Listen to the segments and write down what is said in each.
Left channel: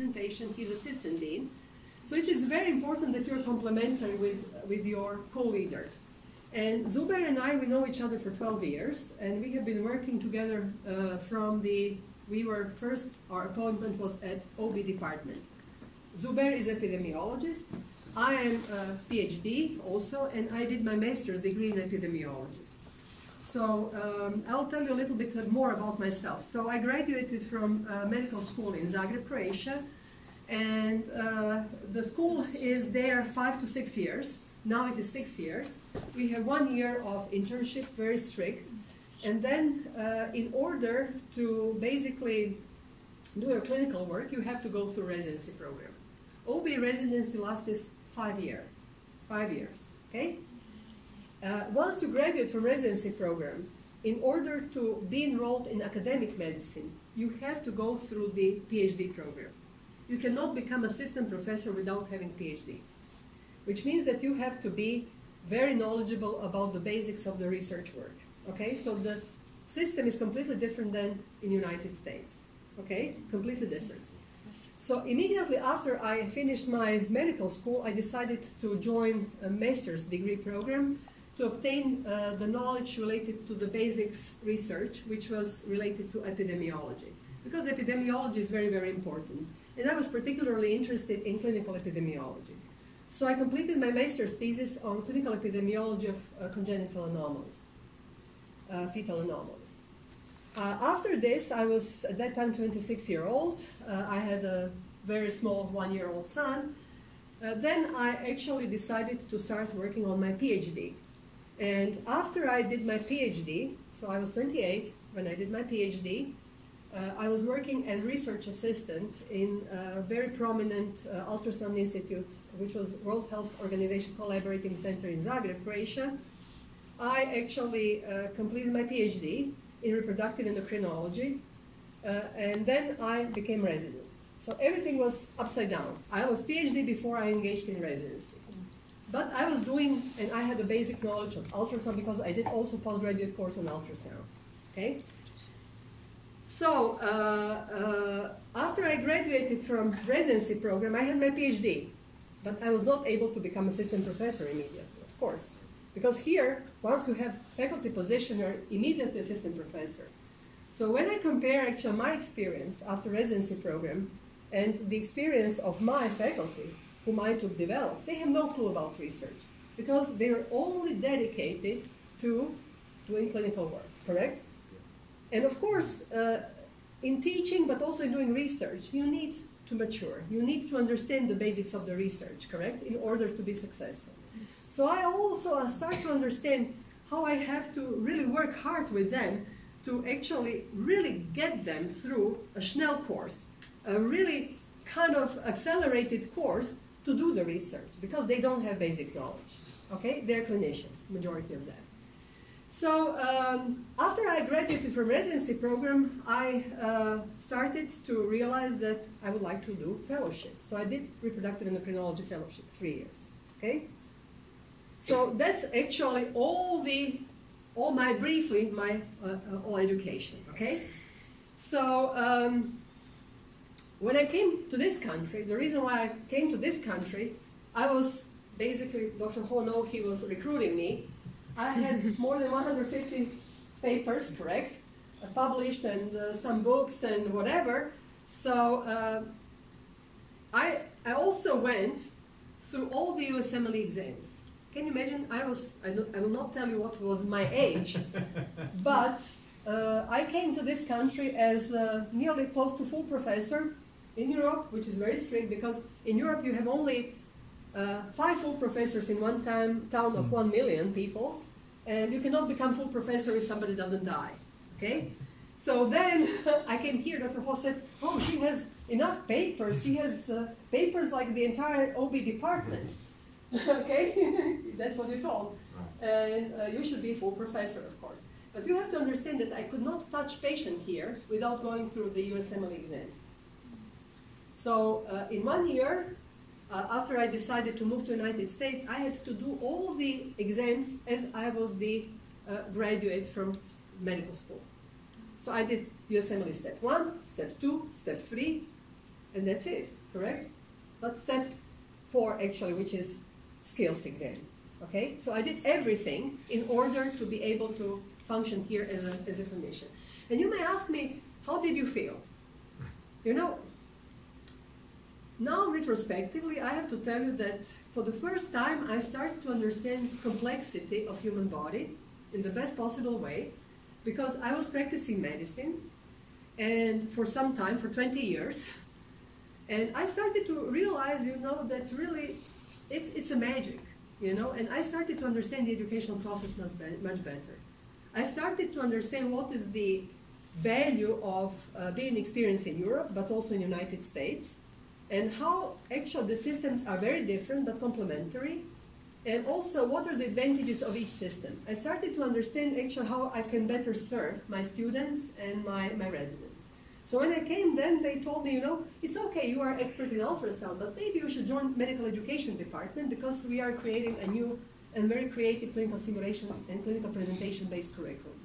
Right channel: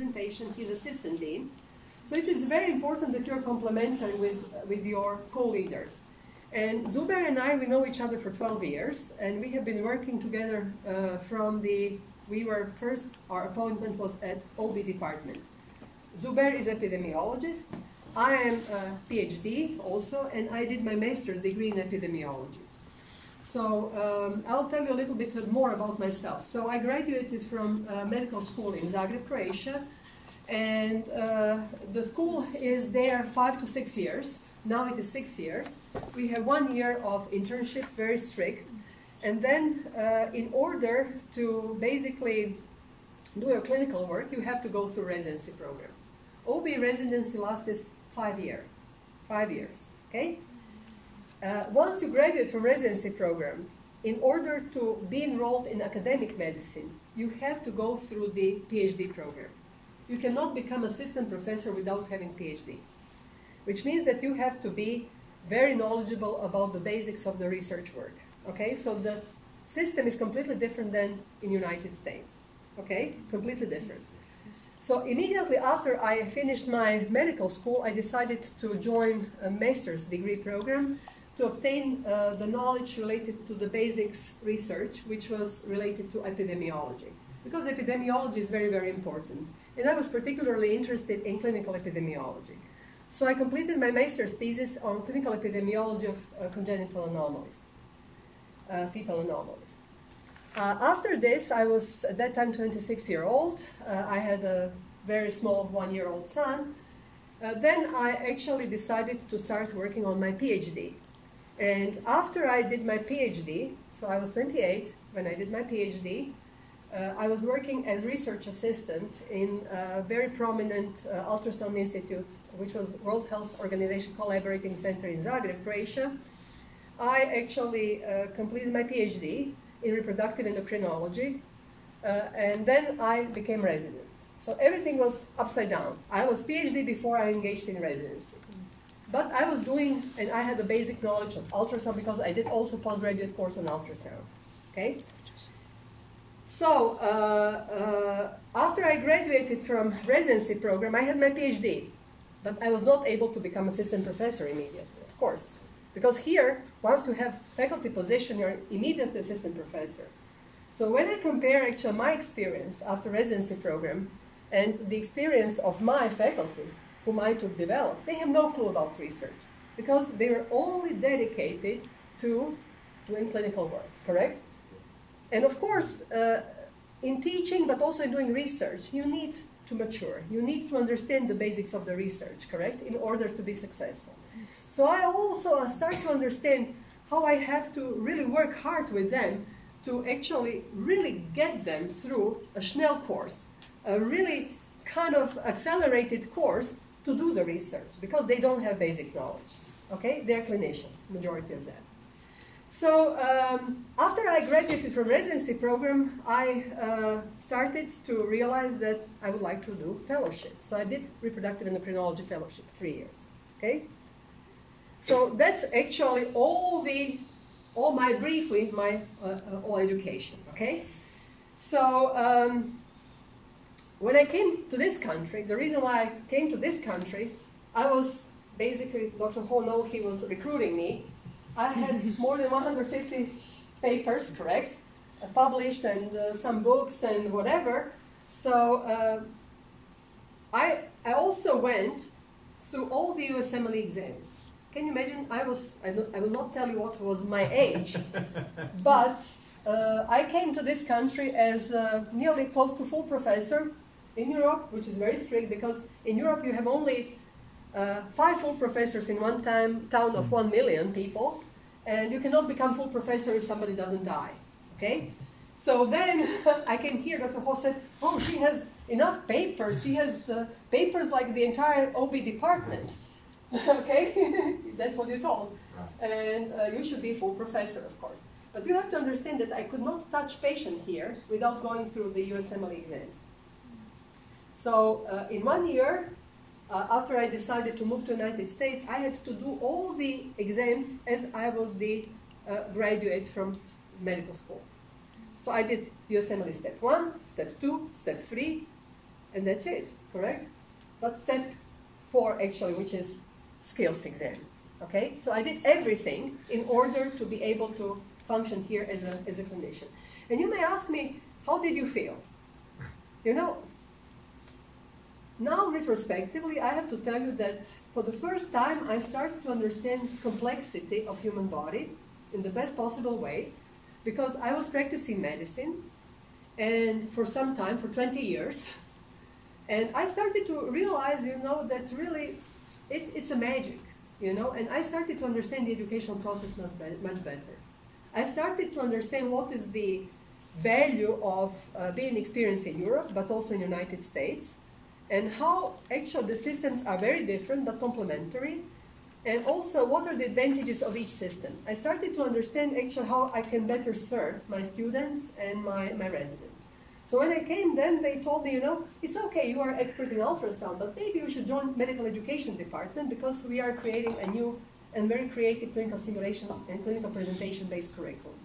presentation. He's assistant dean. So it is very important that you're complementary with your co-leader. And Zubair and I, we know each other for 12 years, and we have been working together our appointment was at OB department. Zubair is epidemiologist. I am a PhD also, and I did my master's degree in epidemiology. So I'll tell you a little bit more about myself. So I graduated from medical school in Zagreb, Croatia, and the school is there 5 to 6 years. Now it is 6 years. We have 1 year of internship, very strict. And then in order to basically do your clinical work, you have to go through residency program. OB residency lasts 5 years. 5 years, okay? Once you graduate from residency program, in order to be enrolled in academic medicine, you have to go through the PhD program. You cannot become assistant professor without having PhD, which means that you have to be very knowledgeable about the basics of the research work. Okay, so the system is completely different than in United States. Okay, completely different. So immediately after I finished my medical school, I decided to join a master's degree program to obtain the knowledge related to the basics research, which was related to epidemiology. Because epidemiology is very, very important. And I was particularly interested in clinical epidemiology. So I completed my master's thesis on clinical epidemiology of congenital anomalies, fetal anomalies. After this, I was at that time 26-year-old. I had a very small 1-year-old son. Then I actually decided to start working on my PhD. And after I did my PhD, so I was 28 when I did my PhD, I was working as research assistant in a very prominent ultrasound institute, which was World Health Organization Collaborating Center in Zagreb, Croatia. I actually completed my PhD in reproductive endocrinology, and then I became resident. So everything was upside down. I was PhD before I engaged in residency. But I was doing, and I had a basic knowledge of ultrasound because I did also postgraduate course on ultrasound. Okay? So after I graduated from residency program, I had my PhD, but I was not able to become assistant professor immediately, of course. Because here, once you have faculty position, you're immediately assistant professor. So when I compare actually my experience after residency program and the experience of my faculty, whom I took develop, they have no clue about research because they are only dedicated to doing clinical work, correct? And of course, in teaching, but also in doing research, you need to mature. You need to understand the basics of the research, correct, in order to be successful. So I also start to understand how I have to really work hard with them to actually really get them through a Schnell course, a really kind of accelerated course to do the research, because they don't have basic knowledge, okay? They're clinicians, majority of them. So after I graduated from residency program, I started to realize that I would like to do fellowship. So I did reproductive endocrinology fellowship, 3 years, okay? So that's actually all my education, okay? So when I came to this country, the reason why I came to this country, I was basically, Dr. Ho, he was recruiting me. I had more than 150 papers, correct, published, and some books and whatever. So I also went through all the USMLE exams. Can you imagine? I will not tell you what was my age, but I came to this country as nearly close to full professor in Europe, which is very strict because in Europe you have only 5 full professors in one town of 1 million people, and you cannot become full professor if somebody doesn't die, okay? So then I came here, Dr. Ho said, oh, she has enough papers. She has papers like the entire OB department, okay? That's what you're told. And you should be full professor, of course. But you have to understand that I could not touch patient here without going through the USMLE exams. So in 1 year, after I decided to move to the United States, I had to do all the exams as I was the graduate from medical school. So I did USMLE step 1, step 2, step 3, and that's it, correct? But step 4 actually, which is skills exam, okay? So I did everything in order to be able to function here as a clinician. And you may ask me, how did you feel? You know, now retrospectively, I have to tell you that for the first time, I started to understand complexity of human body in the best possible way, because I was practicing medicine, and for some time, for 20 years, and I started to realize, you know, that really it's a magic, you know, and I started to understand the educational process much better. I started to understand what is the value of being experienced in Europe, but also in the United States, and how actually the systems are very different but complementary, and also what are the advantages of each system. I started to understand actually how I can better serve my students and my residents. So when I came then, they told me, you know, it's okay, you are expert in ultrasound, but maybe you should join medical education department because we are creating a new and very creative clinical simulation and clinical presentation-based curriculum.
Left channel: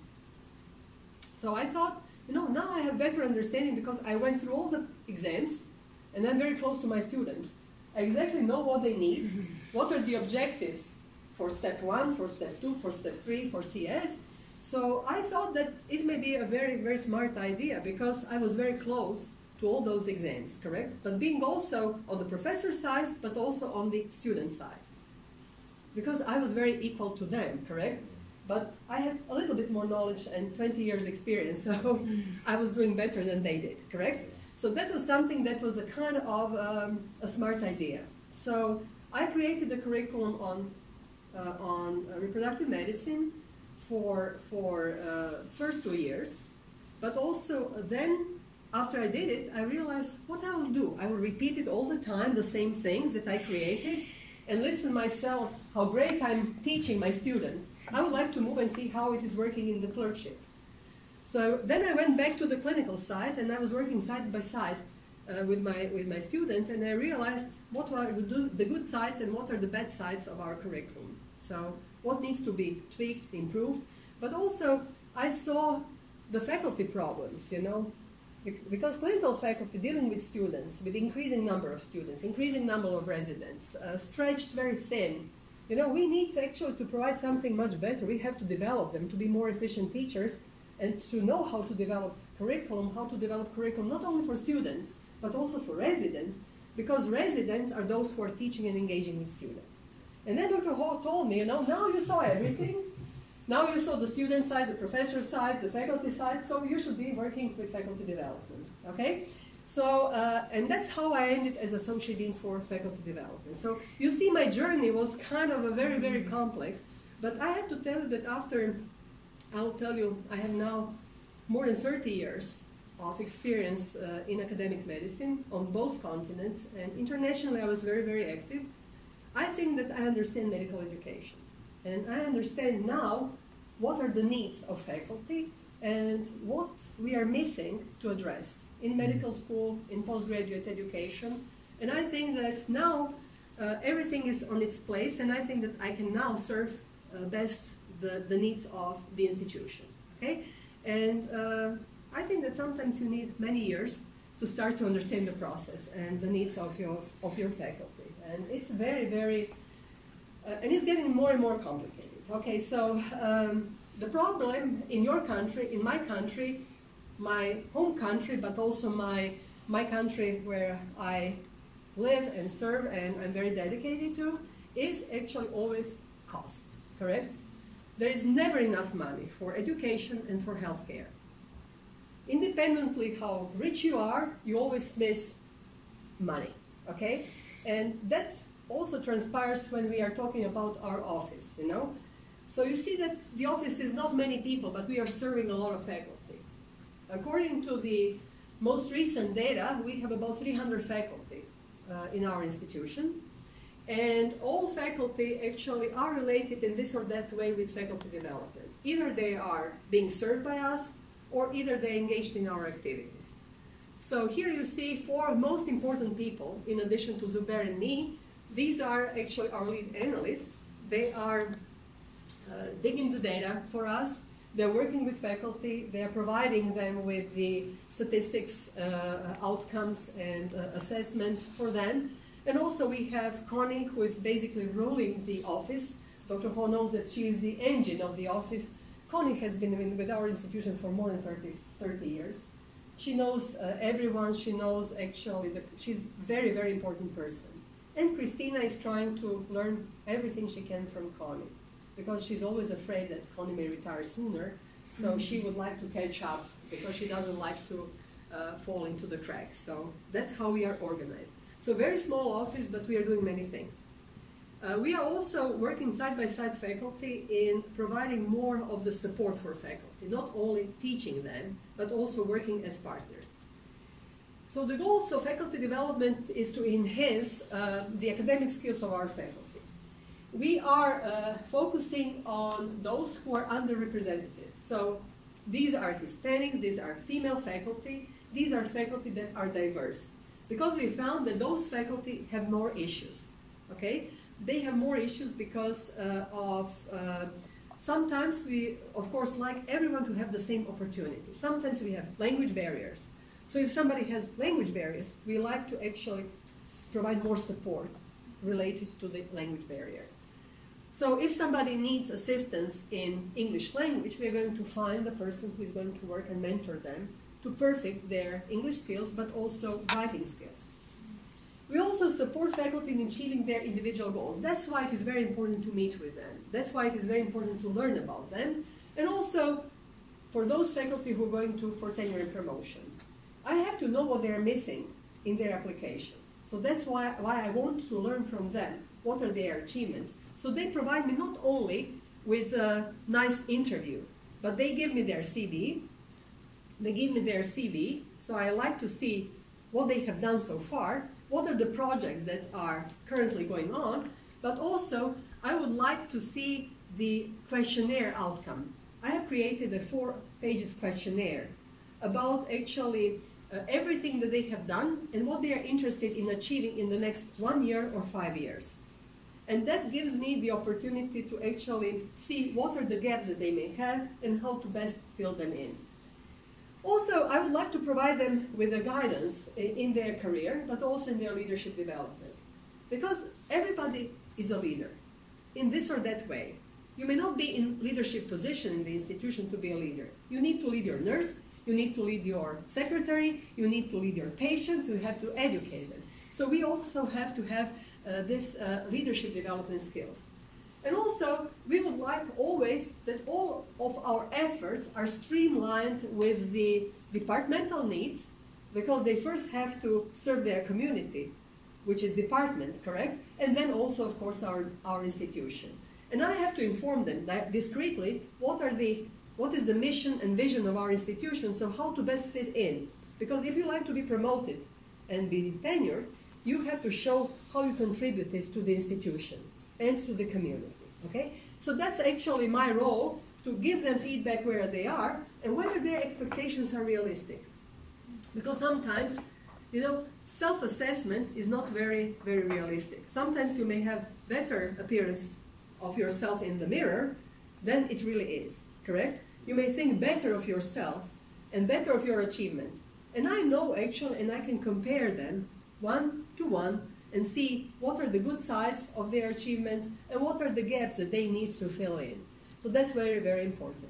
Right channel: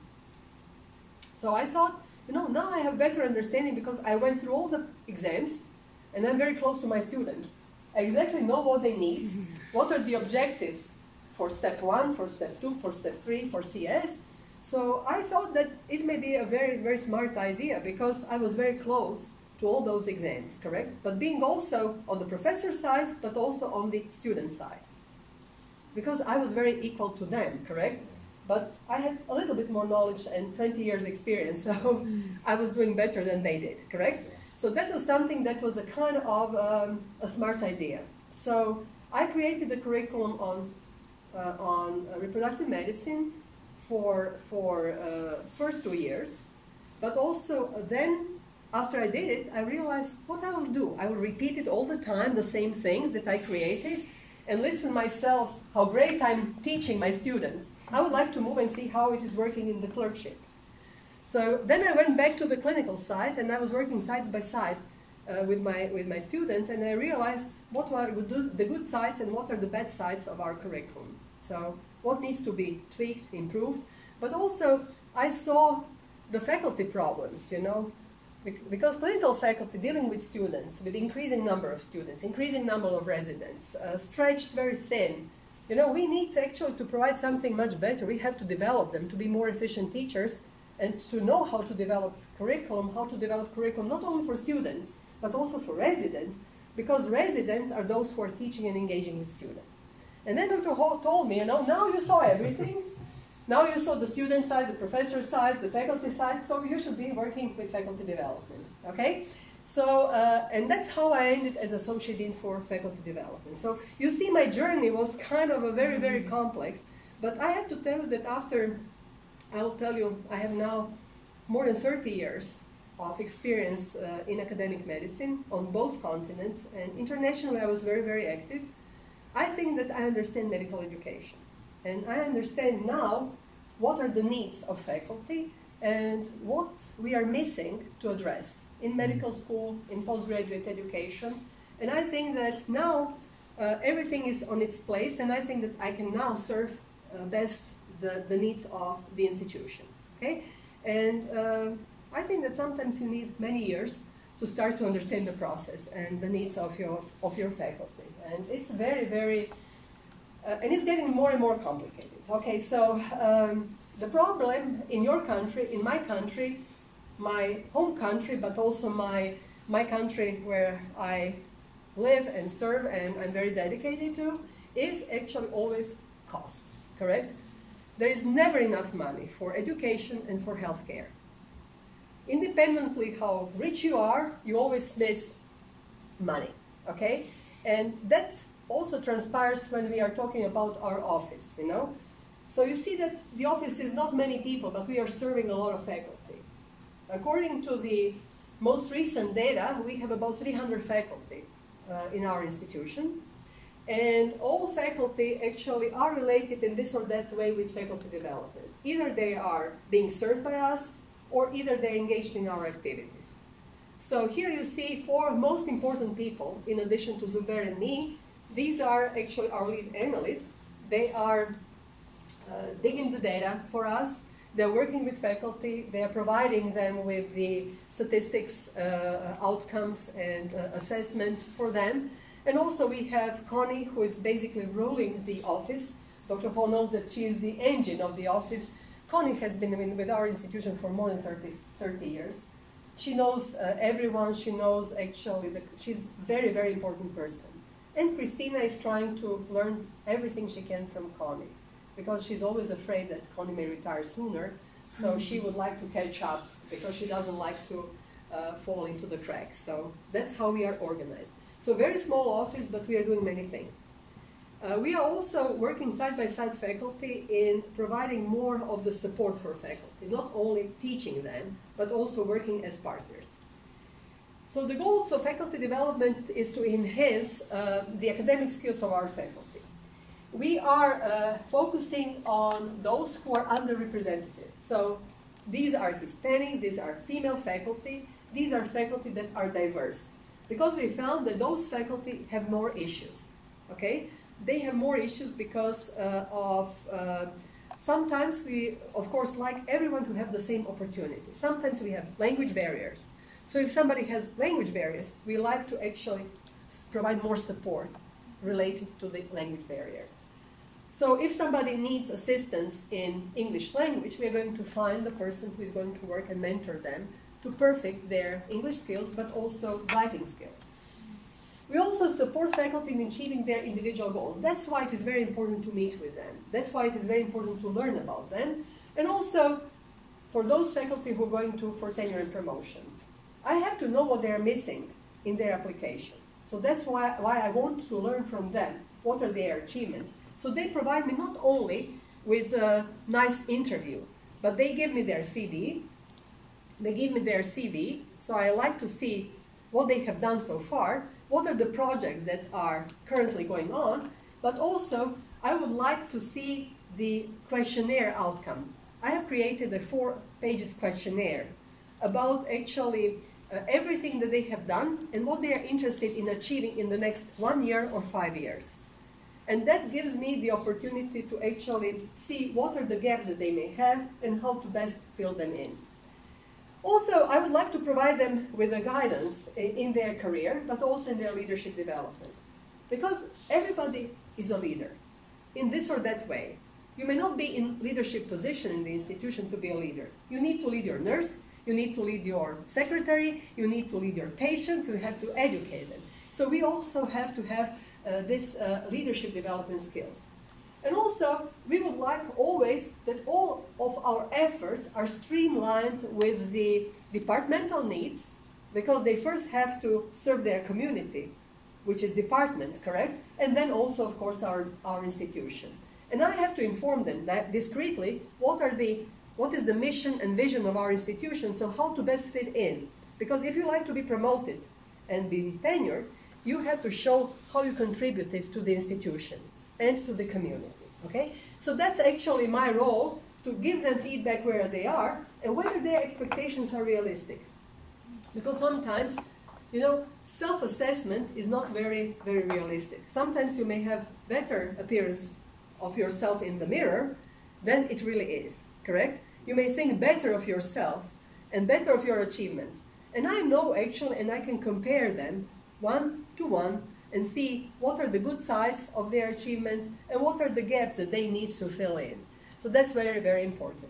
So I thought, you know, now I have better understanding because I went through all the exams and I'm very close to my students. I exactly know what they need, what are the objectives for step 1, for step 2, for step 3, for CS. So I thought that it may be a very, very smart idea because I was very close to all those exams, correct? But being also on the professor side, but also on the student side. Because I was very equal to them, correct? But I had a little bit more knowledge and 20 years experience, so I was doing better than they did, correct? So that was something that was a kind of a smart idea. So I created a curriculum on reproductive medicine for first 2 years, but also then after I did it, I realized what I will do. I will repeat it all the time, the same things that I created, and listen myself how great I'm teaching my students. I would like to move and see how it is working in the clerkship. So then I went back to the clinical side, and I was working side by side with my students, and I realized what are the good sides and what are the bad sides of our curriculum. So what needs to be tweaked, improved, but also I saw the faculty problems, you know, because clinical faculty dealing with students, with increasing number of students, increasing number of residents, stretched very thin. You know, we need to actually to provide something much better. We have to develop them to be more efficient teachers and to know how to develop curriculum not only for students, but also for residents, because residents are those who are teaching and engaging with students. And then Dr. Hall told me, you know, now you saw everything. Now you saw the student side, the professor side, the faculty side, so you should be working with faculty development, okay? So, and that's how I ended as Associate Dean for Faculty Development. So you see my journey was kind of a very, very complex, but I have to tell you that after, I'll tell you, I have now more than 30 years of experience in academic medicine on both continents, and internationally I was very, very active. I think that I understand medical education. And I understand now what are the needs of faculty and what we are missing to address in medical school, in postgraduate education. And I think that now everything is on its place, and I think that I can now serve best the needs of the institution. Okay? And I think that sometimes you need many years to start to understand the process and the needs of your faculty. And it's very, very and it's getting more and more complicated. Okay, so the problem in your country, in my country, my home country, but also my country where I live and serve and I'm very dedicated to, is actually always cost, correct? There is never enough money for education and for healthcare. Independently how rich you are, you always miss money, okay? And that also transpires when we are talking about our office, you know? So you see that the office is not many people, but we are serving a lot of faculty. According to the most recent data, we have about 300 faculty in our institution, and all faculty actually are related in this or that way with faculty development. Either they are being served by us, or either they're engaged in our activities. So here you see 4 most important people, in addition to Zubair and me. These are actually our lead analysts. They are digging the data for us. They're working with faculty, they're providing them with the statistics, outcomes, and assessment for them. And also we have Connie, who is basically ruling the office. Dr. Ho knows that she is the engine of the office. Connie has been with our institution for more than 30 years. She knows everyone, she knows actually, she's a very, very important person. And Christina is trying to learn everything she can from Connie, because she's always afraid that Connie may retire sooner, so she would like to catch up, because she doesn't like to fall into the cracks. So that's how we are organized. So very small office, but we are doing many things. We are also working side by side faculty in providing more of the support for faculty, not only teaching them, but also working as partners. So the goals of faculty development is to enhance the academic skills of our faculty. We are focusing on those who are underrepresented. So these are Hispanics, these are female faculty, these are faculty that are diverse. Because we found that those faculty have more issues, okay? They have more issues because sometimes we, of course, like everyone to have the same opportunity. Sometimes we have language barriers. So if somebody has language barriers, we like to actually provide more support related to the language barrier. So if somebody needs assistance in English language, we're going to find the person who is going to work and mentor them to perfect their English skills, but also writing skills. We also support faculty in achieving their individual goals. That's why it is very important to meet with them. That's why it is very important to learn about them. And also, for those faculty who are going for tenure and promotion, I have to know what they are missing in their application. So that's why I want to learn from them. What are their achievements? So they provide me not only with a nice interview, but they give me their CV. They give me their CV, so I like to see what they have done so far, what are the projects that are currently going on, but also I would like to see the questionnaire outcome. I have created a 4-page questionnaire about actually everything that they have done and what they are interested in achieving in the next 1 year or 5 years. And that gives me the opportunity to actually see what are the gaps that they may have and how to best fill them in. Also, I would like to provide them with a guidance in their career, but also in their leadership development. Because everybody is a leader in this or that way. You may not be in leadership position in the institution to be a leader. You need to lead your nurse, you need to lead your secretary, you need to lead your patients, you have to educate them. So we also have to have this leadership development skills. And also, we would like always that all of our efforts are streamlined with the departmental needs, because they first have to serve their community, which is department, correct? And then also, of course, our institution. And I have to inform them that discreetly what is the mission and vision of our institution, so how to best fit in. Because if you like to be promoted and be tenured, you have to show how you contributed to the institution and to the community, okay? So that's actually my role, to give them feedback where they are and whether their expectations are realistic. Because sometimes, you know, self-assessment is not very, very realistic. Sometimes you may have better appearance of yourself in the mirror than it really is, correct? You may think better of yourself and better of your achievements. And I know actually, and I can compare them one-to-one and see what are the good sides of their achievements and what are the gaps that they need to fill in. So that's very, very important.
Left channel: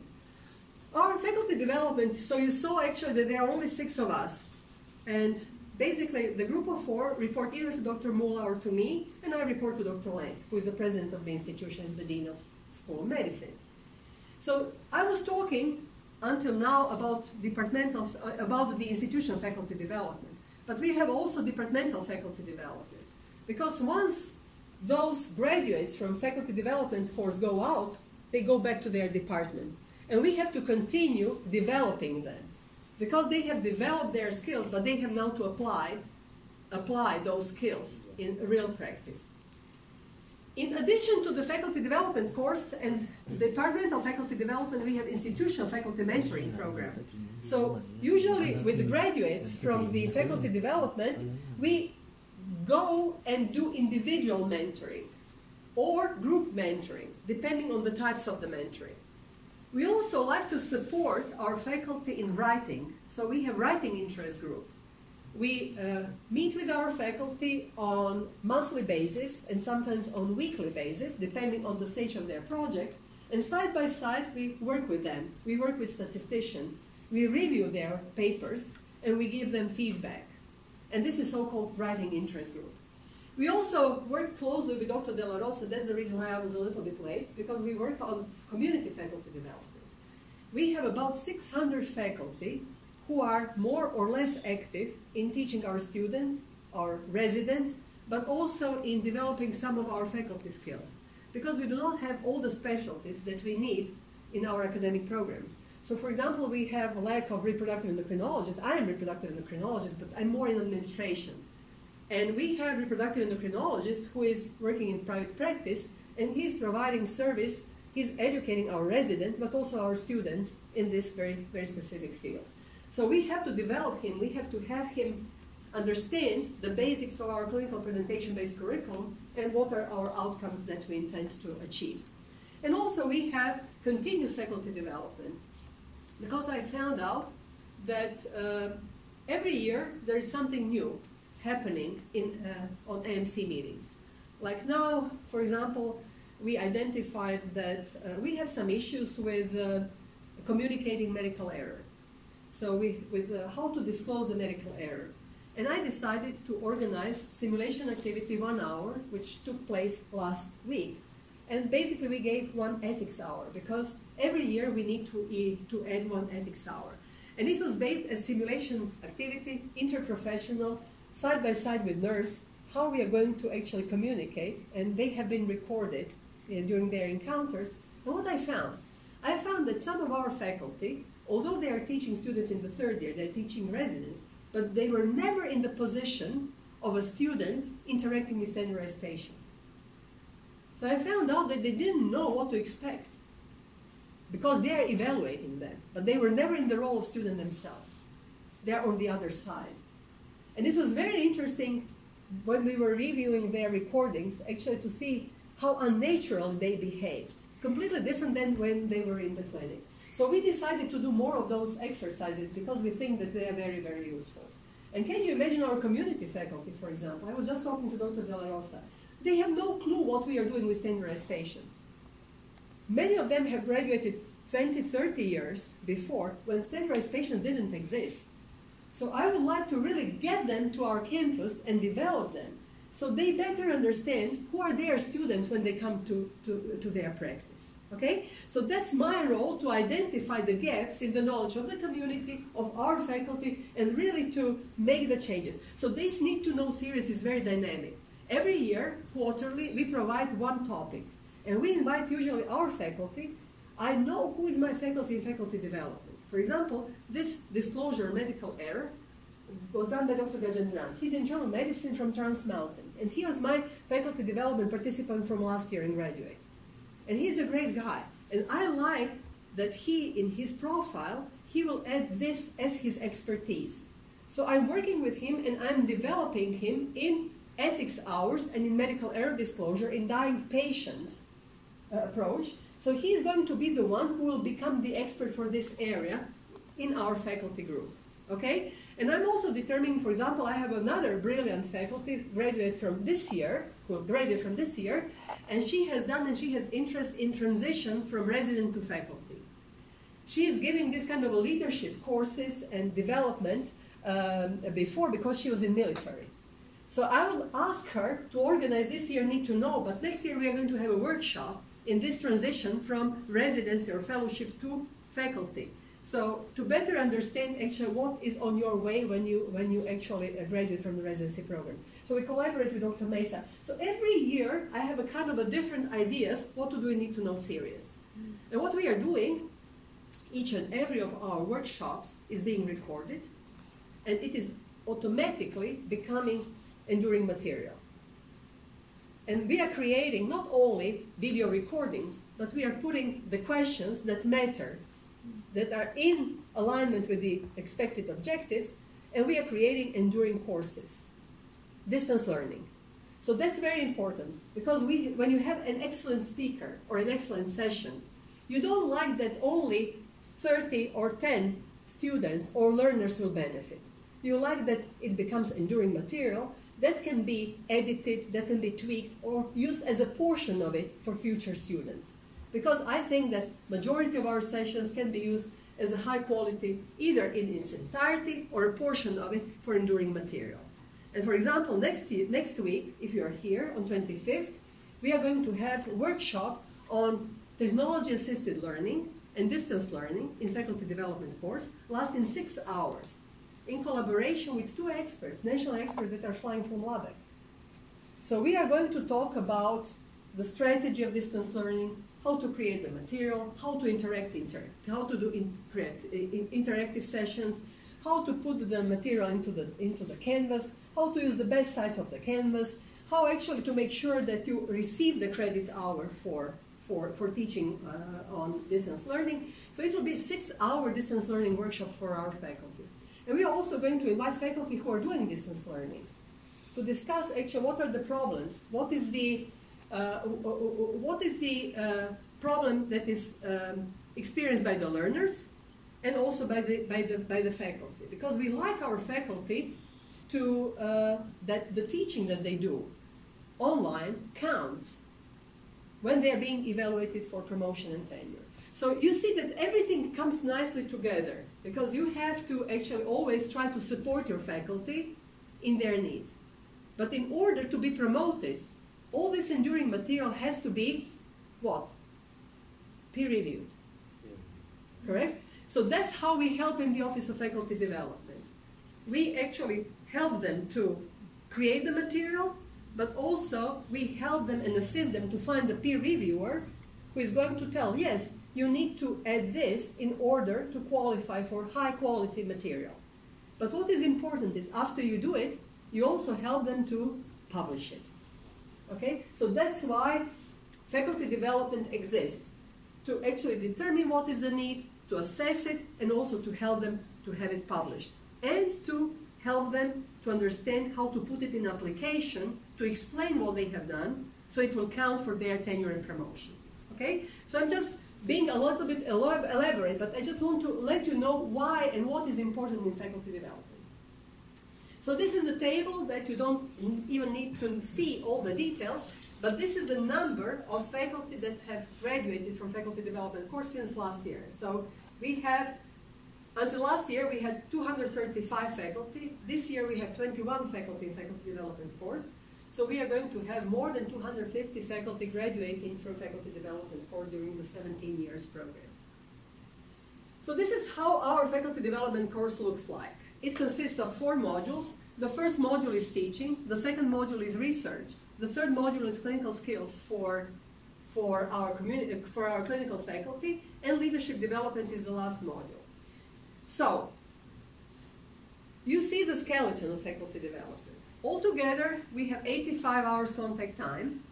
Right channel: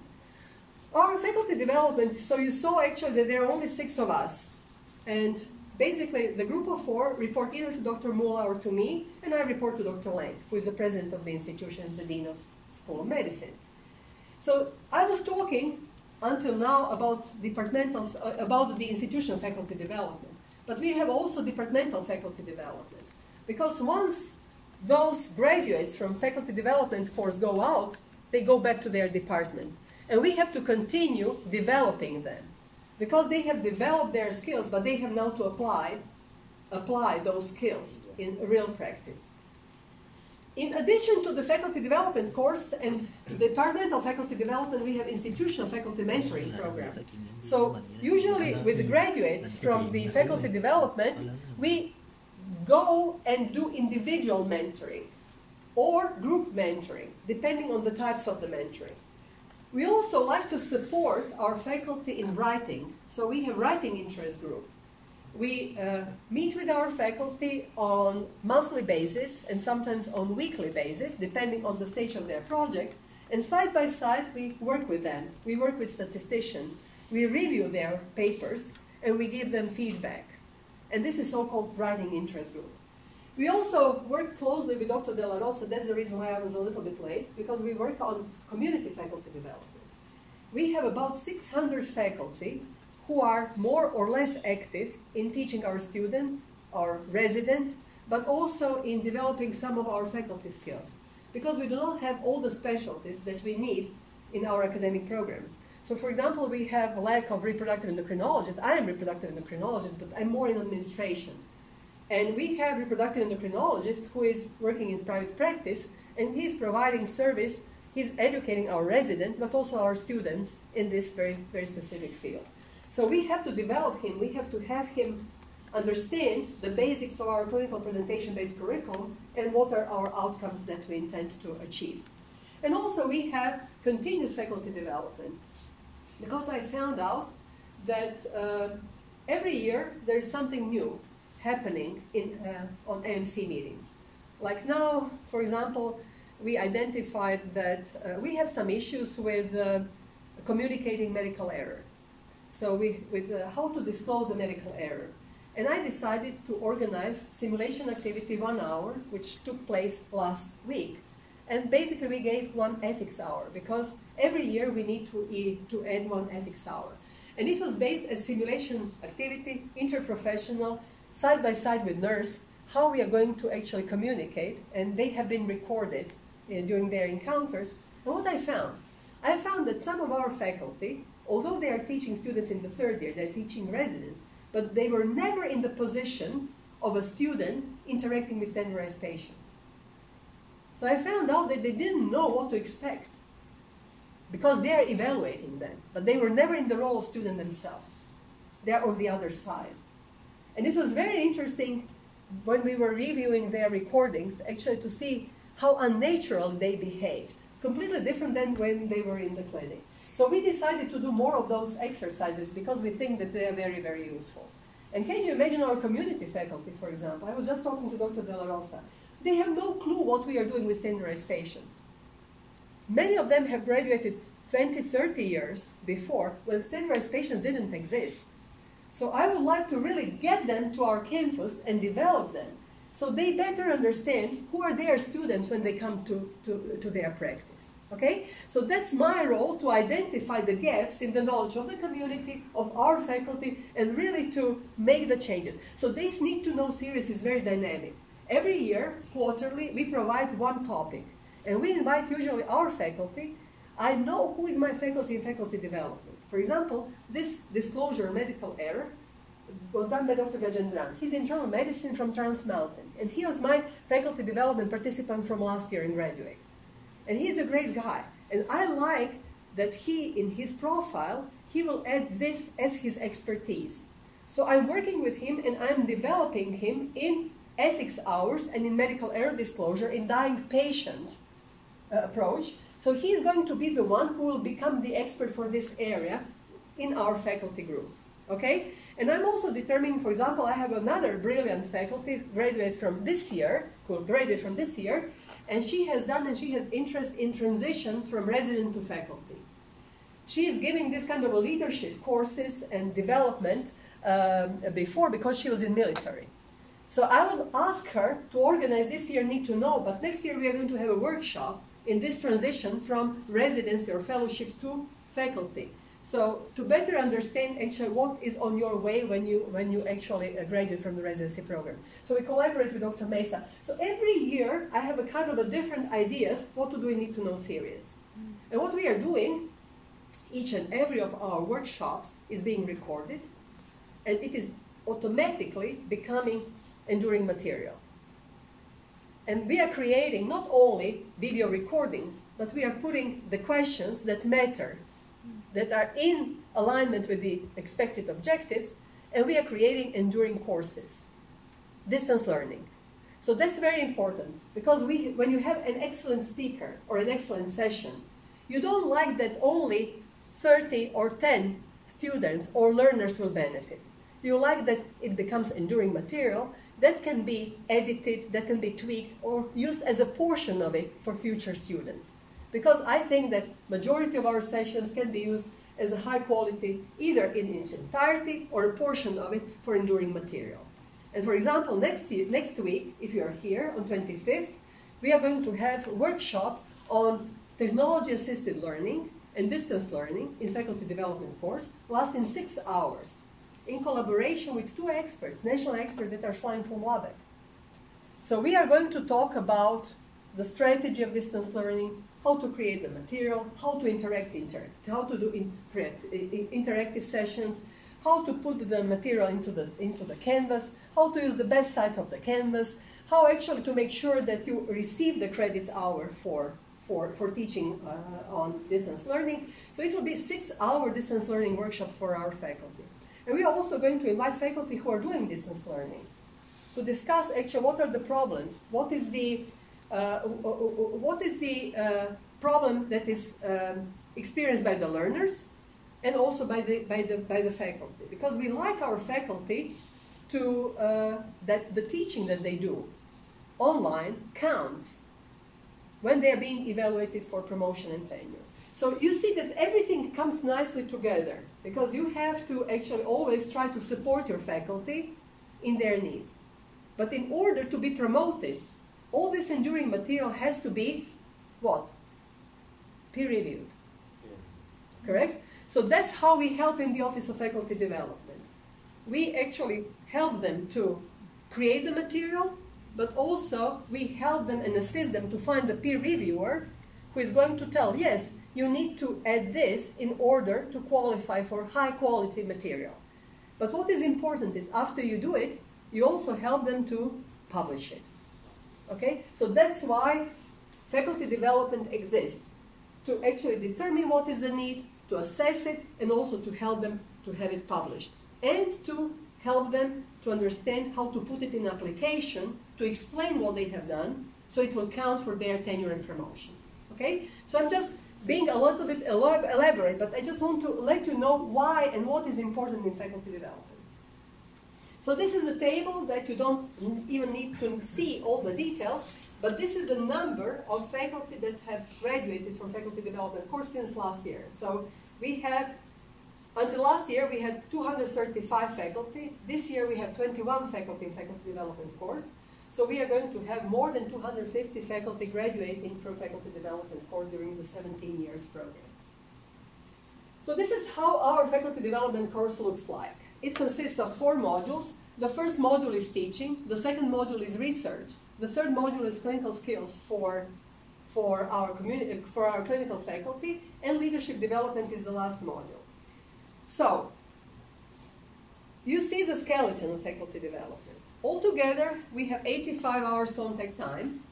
Our faculty development, so you saw actually that there are only 6 of us. And basically the group of 4 report either to Dr. Mula or to me, and I report to Dr. Lang, who is the president of the institution, the dean of School of Medicine. So I was talking until now about the institutional faculty development. But we have also departmental faculty development. Because once those graduates from faculty development course go out, they go back to their department. And we have to continue developing them. Because they have developed their skills, but they have now to apply those skills in real practice. In addition to the faculty development course and departmental faculty development, we have institutional faculty mentoring program. So usually with the graduates from the faculty development, we go and do individual mentoring or group mentoring, depending on the types of the mentoring. We also like to support our faculty in writing. So we have writing interest group. We meet with our faculty on monthly basis and sometimes on weekly basis, depending on the stage of their project. And side by side, we work with them. We work with statisticians. We review their papers and we give them feedback. And this is so-called writing interest group. We also work closely with Dr. De La Rosa. That's the reason why I was a little bit late, because we work on community faculty development. We have about 600 faculty who are more or less active in teaching our students, our residents, but also in developing some of our faculty skills, because we do not have all the specialties that we need in our academic programs. So for example, we have a lack of reproductive endocrinologists. I am reproductive endocrinologist, but I'm more in administration. And we have reproductive endocrinologist who is working in private practice, and he's providing service, he's educating our residents, but also our students in this very, very specific field. So we have to develop him, we have to have him understand the basics of our clinical presentation-based curriculum and what are our outcomes that we intend to achieve. And also we have continuous faculty development, because I found out that every year there is something new happening on AMC meetings. Like now, for example, we identified that we have some issues with communicating medical error. So with how to disclose the medical error. And I decided to organize simulation activity 1 hour, which took place last week. And basically we gave 1 ethics hour, because every year we need to add 1 ethics hour. And it was based as simulation activity, interprofessional, side by side with nurse, how we are going to actually communicate, and they have been recorded during their encounters. And what I found that some of our faculty, although they are teaching students in the 3rd year, they're teaching residents, but they were never in the position of a student interacting with standardized patients. So I found out that they didn't know what to expect, because they are evaluating them, but they were never in the role of student themselves. They're on the other side. And it was very interesting when we were reviewing their recordings, actually to see how unnatural they behaved. Completely different than when they were in the clinic. So we decided to do more of those exercises because we think that they are very, very useful. And can you imagine our community faculty, for example? I was just talking to Dr. De La Rosa. They have no clue what we are doing with standardized patients. Many of them have graduated 20, 30 years before, when standardized patients didn't exist. So I would like to really get them to our campus and develop them, so they better understand who are their students when they come to their practice. Okay? So that's my role, to identify the gaps in the knowledge of the community, of our faculty, and really to make the changes. So this Need to Know series is very dynamic. Every year, quarterly, we provide 1 topic. And we invite usually our faculty. I know who is my faculty in faculty development. For example, this disclosure medical error was done by Dr. Gajendran. He's internal medicine from Trans Mountain. And he was my faculty development participant from last year in graduate. And he's a great guy. And I like that he, in his profile, he will add this as his expertise. So I'm working with him and I'm developing him in ethics hours and in medical error disclosure, in dying patient approach. So he's going to be the one who will become the expert for this area in our faculty group. Okay? And I'm also determining, for example, I have another brilliant faculty graduate from this year, who graduated from this year, and she has interest in transition from resident to faculty. She is giving this kind of a leadership courses and development before, because she was in military. So I will ask her to organize this year Need to Know, but next year we are going to have a workshop in this transition from residency or fellowship to faculty. So to better understand actually what is on your way when you actually graduate from the residency program. So we collaborate with Dr. Mesa. So every year I have a kind of a different ideas what to do in Need to Know series. And what we are doing, each and every of our workshops is being recorded, and it is automatically becoming enduring material. And we are creating not only video recordings, but we are putting the questions that matter, that are in alignment with the expected objectives, and we are creating enduring courses, distance learning. So that's very important, because when you have an excellent speaker or an excellent session, You don't like that only 30 or 10 students or learners will benefit. You like that it becomes enduring material that can be edited, that can be tweaked, or used as a portion of it for future students. Because I think that majority of our sessions can be used as a high quality, either in its entirety or a portion of it for enduring material. And for example, next week, if you are here on 25th, we are going to have a workshop on technology-assisted learning and distance learning in faculty development course, lasting 6 hours, in collaboration with 2 experts, national experts that are flying from Lubbock. So we are going to talk about the strategy of distance learning, how to create the material, how to interact, how to do interactive sessions, how to put the material into the canvas, how to use the best side of the canvas, how actually to make sure that you receive the credit hour for teaching on distance learning. So it will be a 6-hour distance learning workshop for our faculty. And we are also going to invite faculty who are doing distance learning to discuss actually what are the problems, what is the problem that is experienced by the learners and also by the faculty, because we like our faculty to that the teaching that they do online counts when they are being evaluated for promotion and tenure. So you see that everything comes nicely together, because you have to actually always try to support your faculty in their needs. But in order to be promoted, all this enduring material has to be what? Peer-reviewed. Correct? So that's how we help in the Office of Faculty Development. We actually help them to create the material, but also we help them and assist them to find the peer reviewer who is going to tell, yes, you need to add this in order to qualify for high quality material. But what is important is after you do it, you also help them to publish it. Okay? So that's why faculty development exists, to actually determine what is the need, to assess it, and also to help them to have it published, and to help them to understand how to put it in application, to explain what they have done, so it will count for their tenure and promotion. Okay? So I'm just being a little bit elaborate, but I just want to let you know why and what is important in faculty development. So this is a table that you don't even need to see all the details, but this is the number of faculty that have graduated from faculty development course since last year. So we have, until last year, we had 235 faculty. This year we have 21 faculty in faculty development course. So we are going to have more than 250 faculty graduating from faculty development course during the 17 years program. So this is how our faculty development course looks like. It consists of 4 modules. The first module is teaching. The second module is research. The third module is clinical skills for our community, for our clinical faculty, and leadership development is the last module. So you see the skeleton of faculty development. Altogether, we have 85 hours contact time.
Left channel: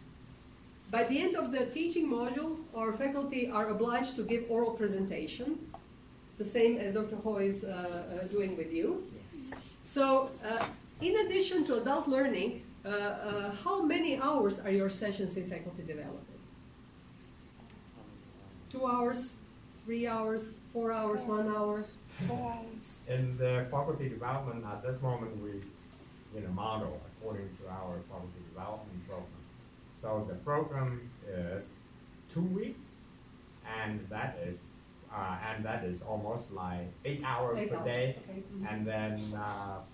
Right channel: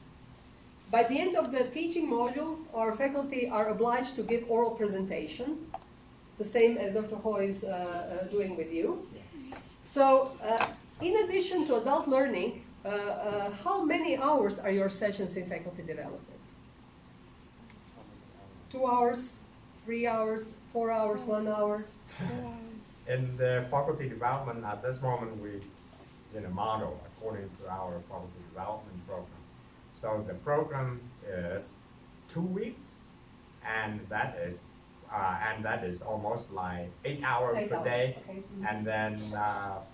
By the end of the teaching module, our faculty are obliged to give oral presentation, the same as Dr. Ho is doing with you. So, in addition to adult learning, how many hours are your sessions in faculty development? 2 hours, 3 hours, 4 hours, 1 hour? 4 hours. In the faculty development, at this moment, we in a model according to our faculty development program. So the program is 2 weeks, and that is almost like 8 hours per day, okay. And then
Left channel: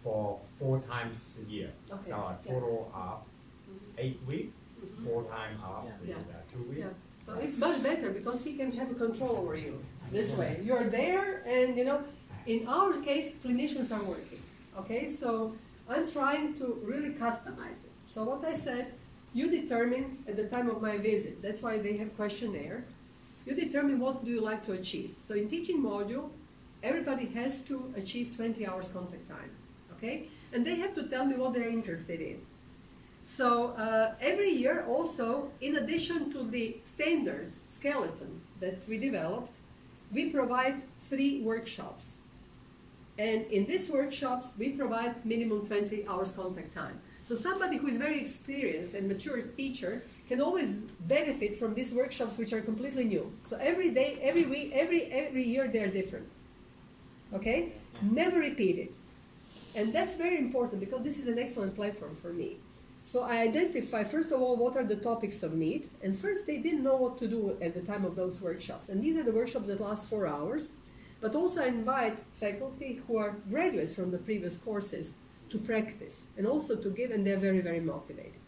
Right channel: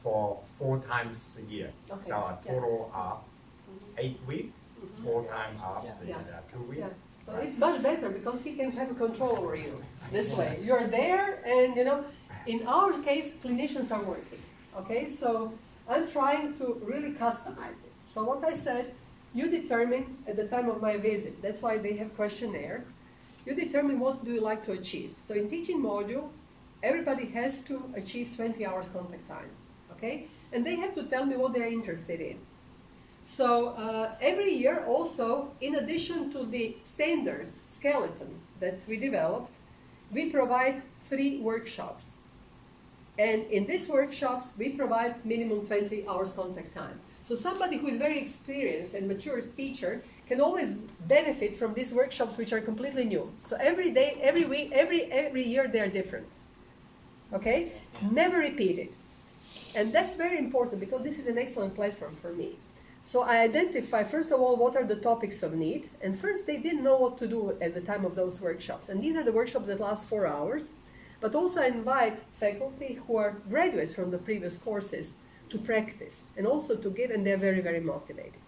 for 4 times a year. Okay. So a total of 8 weeks, 4 times of the 2 weeks. Yeah. So it's much better because he can have a control over you this way. You're there, and in our case, clinicians are working. Okay, so I'm trying to really customize it. So what I said, you determine at the time of my visit. That's why they have questionnaire. You determine what do you like to achieve. So in teaching module, everybody has to achieve 20 hours contact time. Okay, and they have to tell me what they're interested in. So every year also, in addition to the standard skeleton that we developed, we provide 3 workshops. And in these workshops, we provide minimum 20 hours contact time. So somebody who is very experienced and mature teacher can always benefit from these workshops, which are completely new. So every day, every week, every year they are different. Okay? Never repeat it. And that's very important because this is an excellent platform for me. So I identify, first of all, what are the topics of need. And first, they didn't know what to do at the time of those workshops. And these are the workshops that last 4 hours. But also I invite faculty who are graduates from the previous courses to practice and also to give, and they're very, very motivated.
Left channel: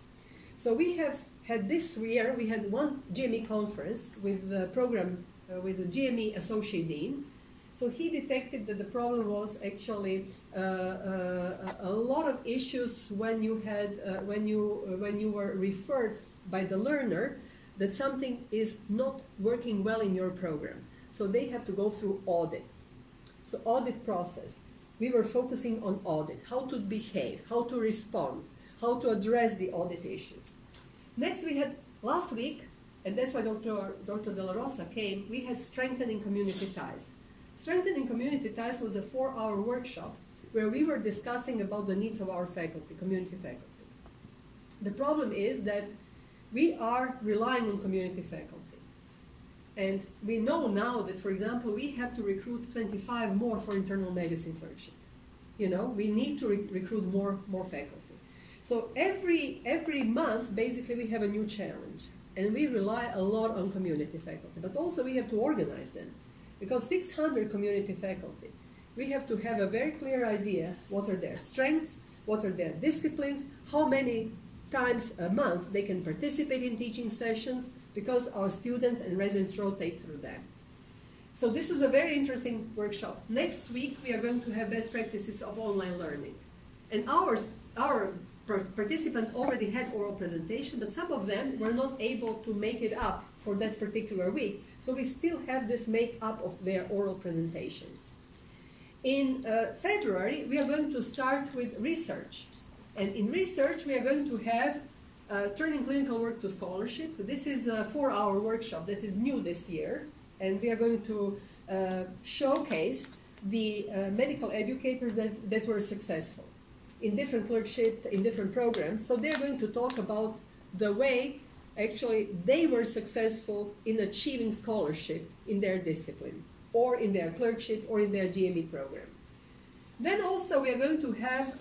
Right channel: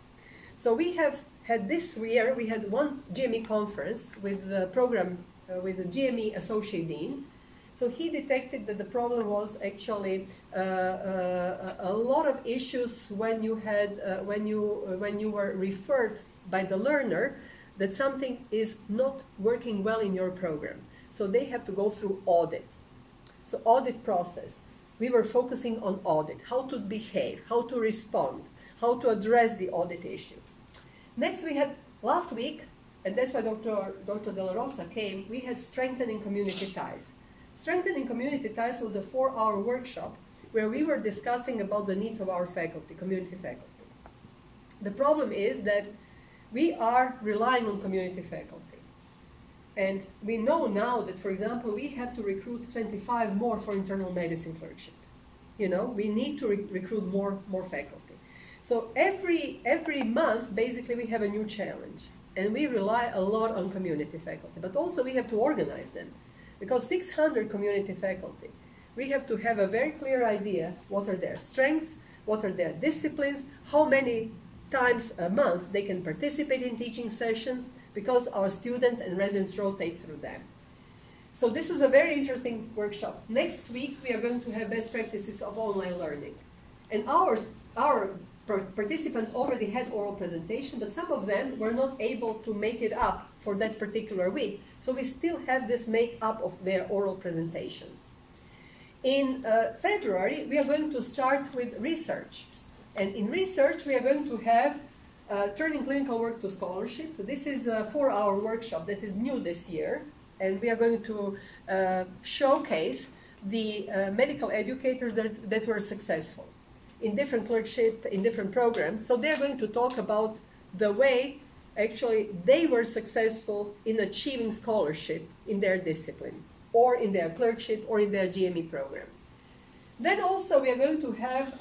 So we have had this year, we had one GME conference with the program, with the GME Associate Dean. So he detected that the problem was actually a lot of issues when you had when you were referred by the learner that something is not working well in your program. So they have to go through audit. So audit process. We were focusing on audit, how to behave, how to respond, how to address the audit issues. Next we had last week, and that's why Dr. De La Rosa came, we had strengthening community ties. Strengthening community ties was a 4-hour workshop where we were discussing about the needs of our faculty, community faculty. The problem is that we are relying on community faculty. And we know now that, for example, we have to recruit 25 more for internal medicine clerkship. You know, we need to recruit more faculty. So every month, basically, we have a new challenge. And we rely a lot on community faculty. But also we have to organize them. Because 600 community faculty, we have to have a very clear idea what are their strengths, what are their disciplines, how many times a month they can participate in teaching sessions, because our students and residents rotate through them. So this was a very interesting workshop. Next week we are going to have best practices of online learning. And our participants already had oral presentation, but some of them were not able to make it up for that particular week. So we still have this make-up of their oral presentations. In February, we are going to start with research. And in research, we are going to have turning clinical work to scholarship. This is a 4-hour workshop that is new this year. And we are going to showcase the medical educators that were successful in different clerkship, in different programs. So they're going to talk about the way actually they were successful in achieving scholarship in their discipline, or in their clerkship, or in their GME program. Then also we are going to have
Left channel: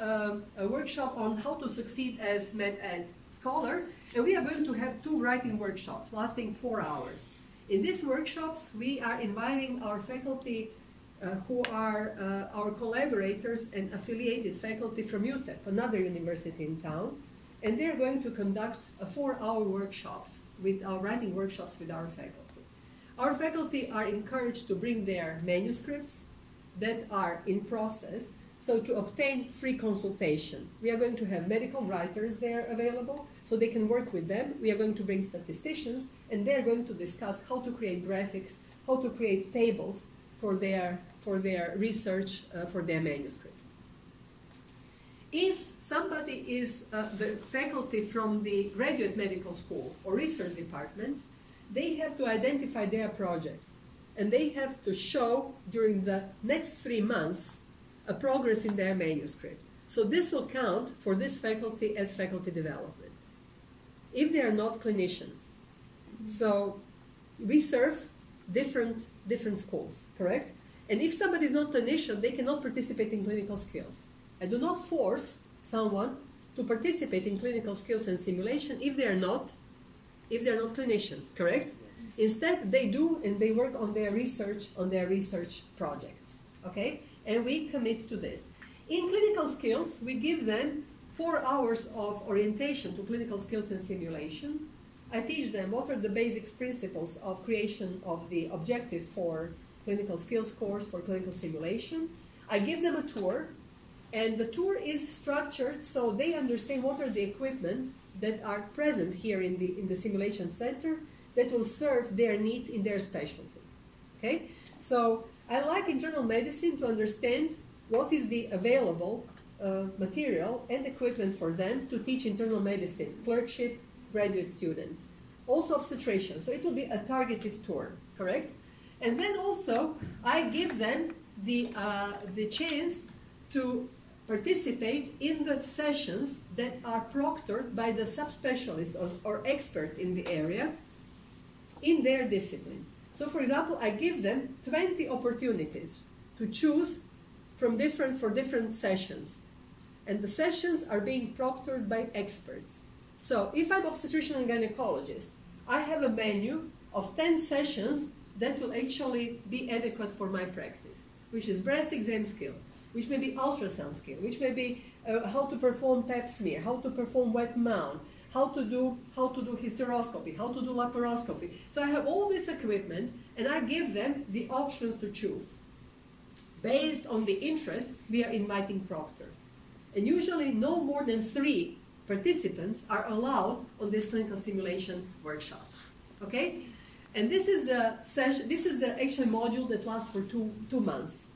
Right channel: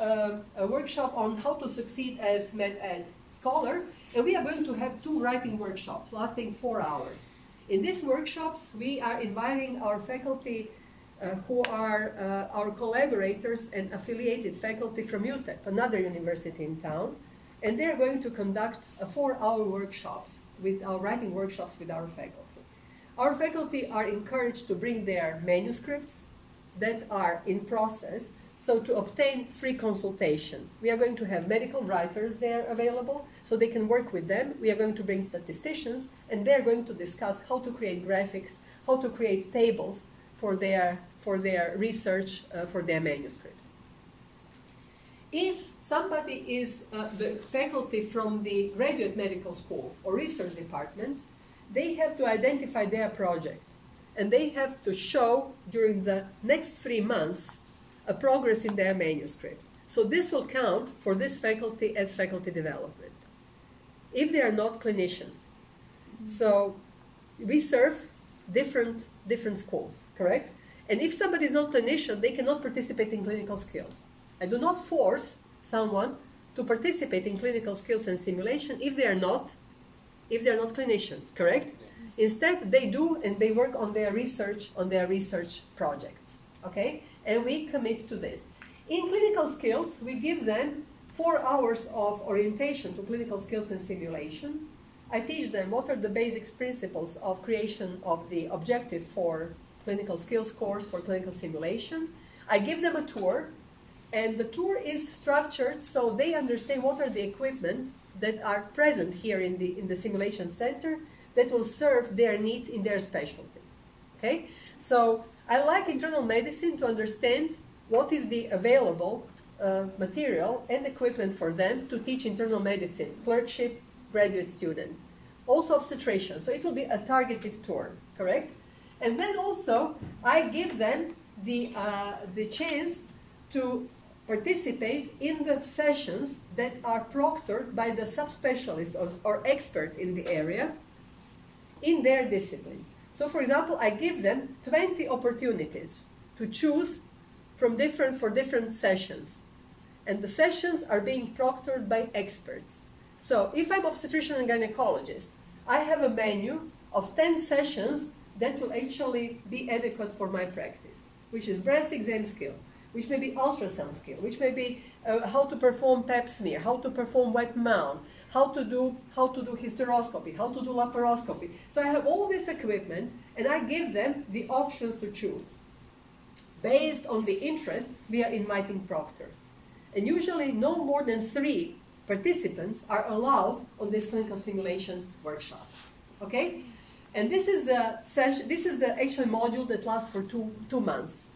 a workshop on how to succeed as med-ed scholar, and we are going to have 2 writing workshops lasting 4 hours. In these workshops, we are inviting our faculty who are our collaborators and affiliated faculty from UTEP, another university in town, and they're going to conduct a 4-hour workshops with our writing workshops with our faculty. Our faculty are encouraged to bring their manuscripts that are in process, so to obtain free consultation. We are going to have medical writers there available, so they can work with them. We are going to bring statisticians, and they're going to discuss how to create graphics, how to create tables for their research, for their manuscript. If somebody is the faculty from the graduate medical school or research department, they have to identify their project. And they have to show during the next 3 months a progress in their manuscript. So this will count for this faculty as faculty development, if they are not clinicians. So we serve different schools, correct? And if somebody is not clinician, they cannot participate in clinical skills. I do not force someone to participate in clinical skills and simulation if they are not clinicians, correct? Instead, they do, and they work on their research projects, okay? And we commit to this. In clinical skills, we give them 4 hours of orientation to clinical skills and simulation. I teach them what are the basic principles of creation of the objective for clinical skills course for clinical simulation. I give them a tour, and the tour is structured so they understand what are the equipment that are present here in the simulation center that will serve their needs in their specialty. Okay? So I like internal medicine to understand what is the available material and equipment for them to teach internal medicine, clerkship, graduate students. Also obstetrician, so it will be a targeted tour, correct? And then also I give them the chance to participate in the sessions that are proctored by the subspecialist or expert in the area in their discipline. So for example, I give them 20 opportunities to choose for different sessions. And the sessions are being proctored by experts. So if I'm obstetrician and gynecologist, I have a menu of 10 sessions that will actually be adequate for my practice, which is breast exam skill, which may be ultrasound skill, which may be how to perform pap smear, how to perform wet mount, how to do hysteroscopy, how to do laparoscopy. So I have all this equipment, and I give them the options to choose. Based on the interest, we are inviting proctors. And usually no more than 3 participants are allowed on this clinical simulation workshop. Okay? And this is the session, this is the actual module that lasts for two months.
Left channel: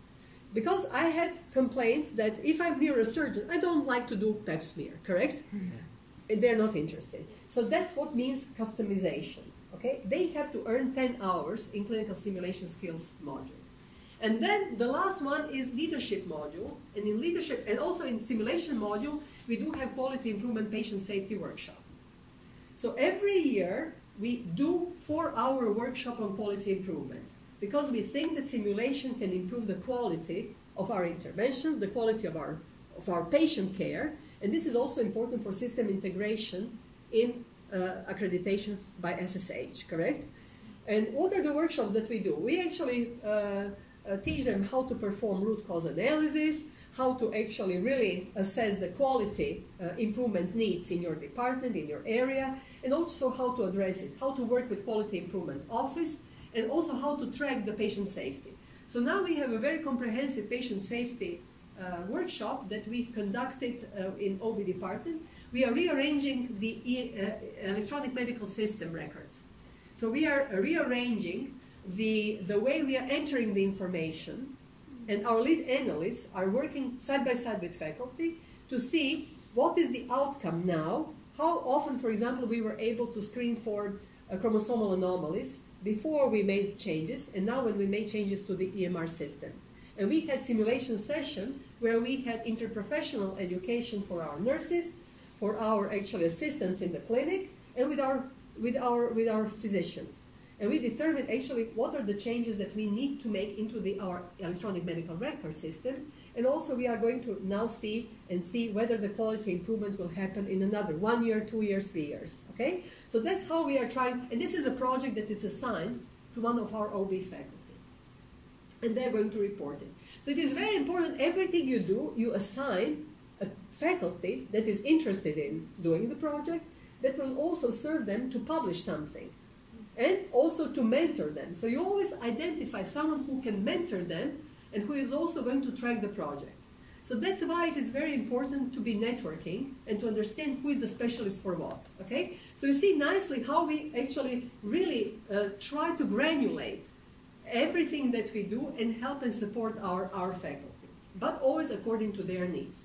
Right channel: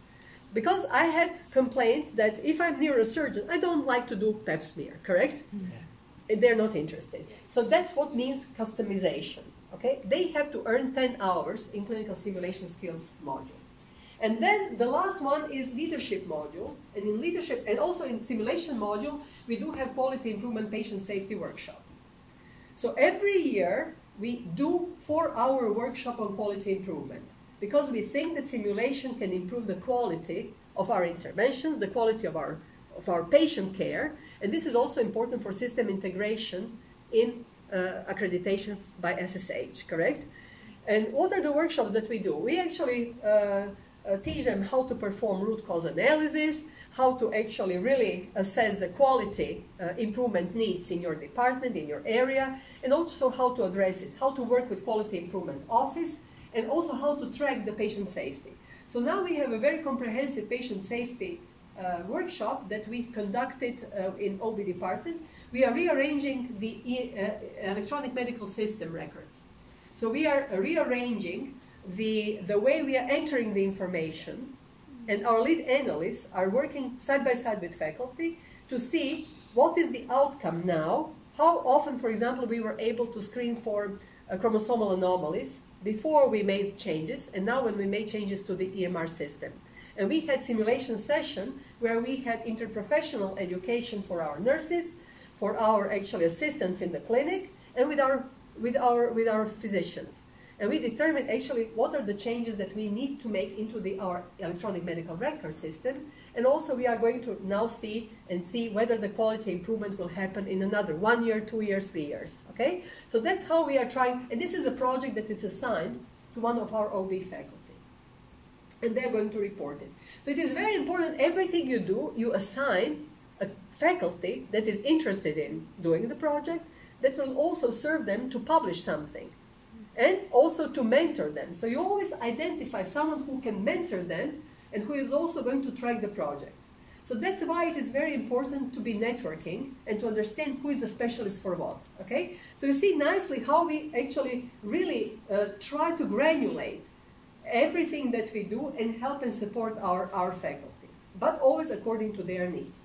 Because I had complaints that if I'm neurosurgeon, I don't like to do pap smear, correct? And they're not interested. So that's what means customization. Okay? They have to earn 10 hours in clinical simulation skills module. And then the last one is leadership module. And in leadership, and also in simulation module, we do have quality improvement patient safety workshop. So every year, we do 4-hour workshop on quality improvement, because we think that simulation can improve the quality of our interventions, the quality of our patient care, and this is also important for system integration in accreditation by SSH, correct? And what are the workshops that we do? We actually teach them how to perform root cause analysis, how to actually really assess the quality improvement needs in your department, in your area, and also how to address it, how to work with quality improvement office, and also how to track the patient safety. So now we have a very comprehensive patient safety workshop that we conducted in OB department. We are rearranging the electronic medical system records. So we are rearranging the way we are entering the information, and our lead analysts are working side by side with faculty to see what is the outcome now, how often, for example, we were able to screen for chromosomal anomalies before we made changes, and now when we made changes to the EMR system. And we had simulation session where we had interprofessional education for our nurses, for our actually assistants in the clinic, and with our physicians. And we determined actually what are the changes that we need to make into our electronic medical record system. And also we are going to now see whether the quality improvement will happen in another 1 year, 2 years, 3 years. Okay? So that's how we are trying, and this is a project that is assigned to one of our OB faculty. And they're going to report it. So it is very important, everything you do, you assign a faculty that is interested in doing the project, that will also serve them to publish something. And also to mentor them. So you always identify someone who can mentor them and who is also going to track the project. So that's why it is very important to be networking and to understand who is the specialist for what. Okay? So you see nicely how we actually really try to granulate everything that we do and help and support our faculty, but always according to their needs.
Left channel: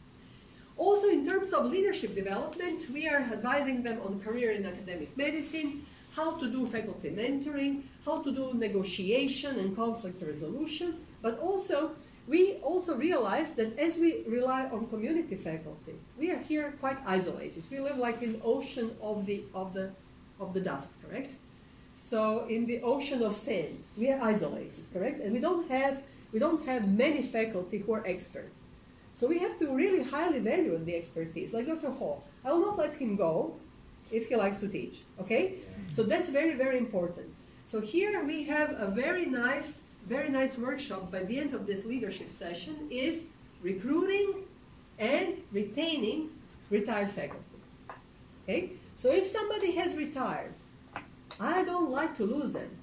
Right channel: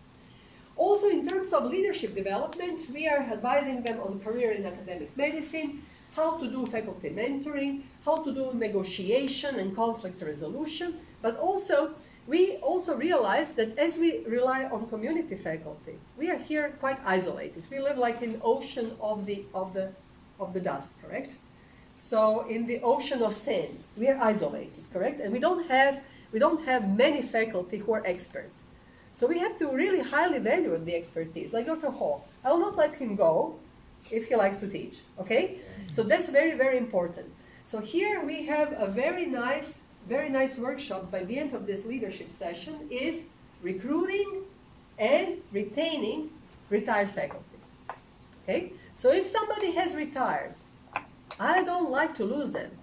Also in terms of leadership development, we are advising them on career in academic medicine, how to do faculty mentoring, how to do negotiation and conflict resolution, but also we also realize that as we rely on community faculty, we are here quite isolated. We live like in the ocean of the dust, correct? So in the ocean of sand, we are isolated, correct? And we don't have many faculty who are experts. So we have to really highly value the expertise, like Dr. Hall. I will not let him go if he likes to teach, okay? So that's very, very important. So here we have a very nice workshop by the end of this leadership session is recruiting and retaining retired faculty, okay? So if somebody has retired, I don't like to lose them.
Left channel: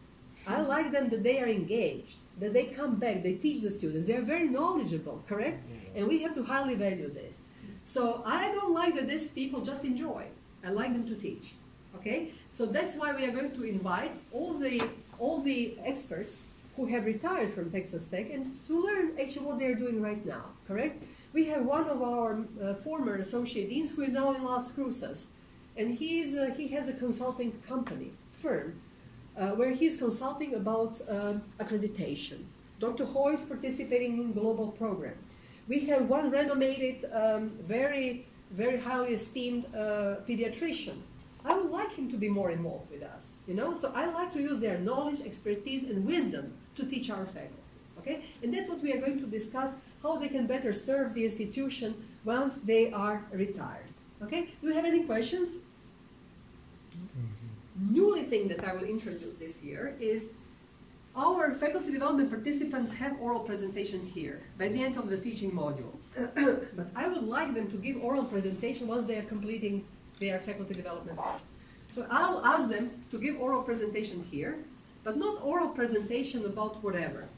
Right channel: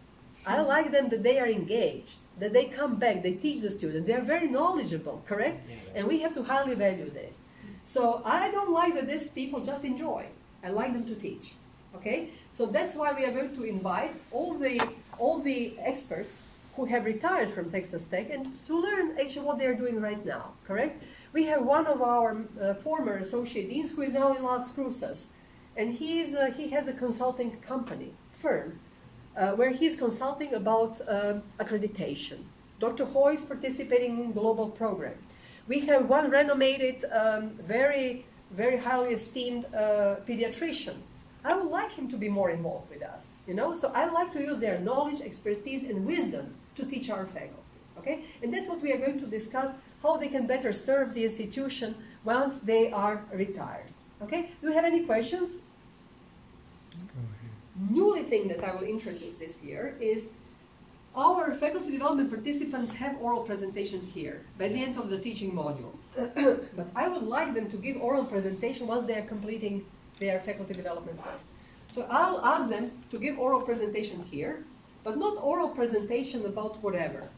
I like them that they are engaged, that they come back, they teach the students, they are very knowledgeable, correct? And we have to highly value this. So I don't like that these people just enjoy. I like them to teach, okay? So that's why we are going to invite all the experts who have retired from Texas Tech and to learn actually what they are doing right now, correct? We have one of our former associate deans who is now in Las Cruces, and he has a consulting company, firm, where he's consulting about accreditation. Dr. Ho is participating in global program. We have one renowned, very, very highly esteemed pediatrician. I would like him to be more involved with us, you know? So I like to use their knowledge, expertise, and wisdom to teach our faculty, okay? And that's what we are going to discuss, how they can better serve the institution once they are retired, okay? Do you have any questions? Newly thing that I will introduce this year is our faculty development participants have oral presentation here by the end of the teaching module. But I would like them to give oral presentation once they are completing their faculty development course. So I'll ask them to give oral presentation here, but not oral presentation about whatever.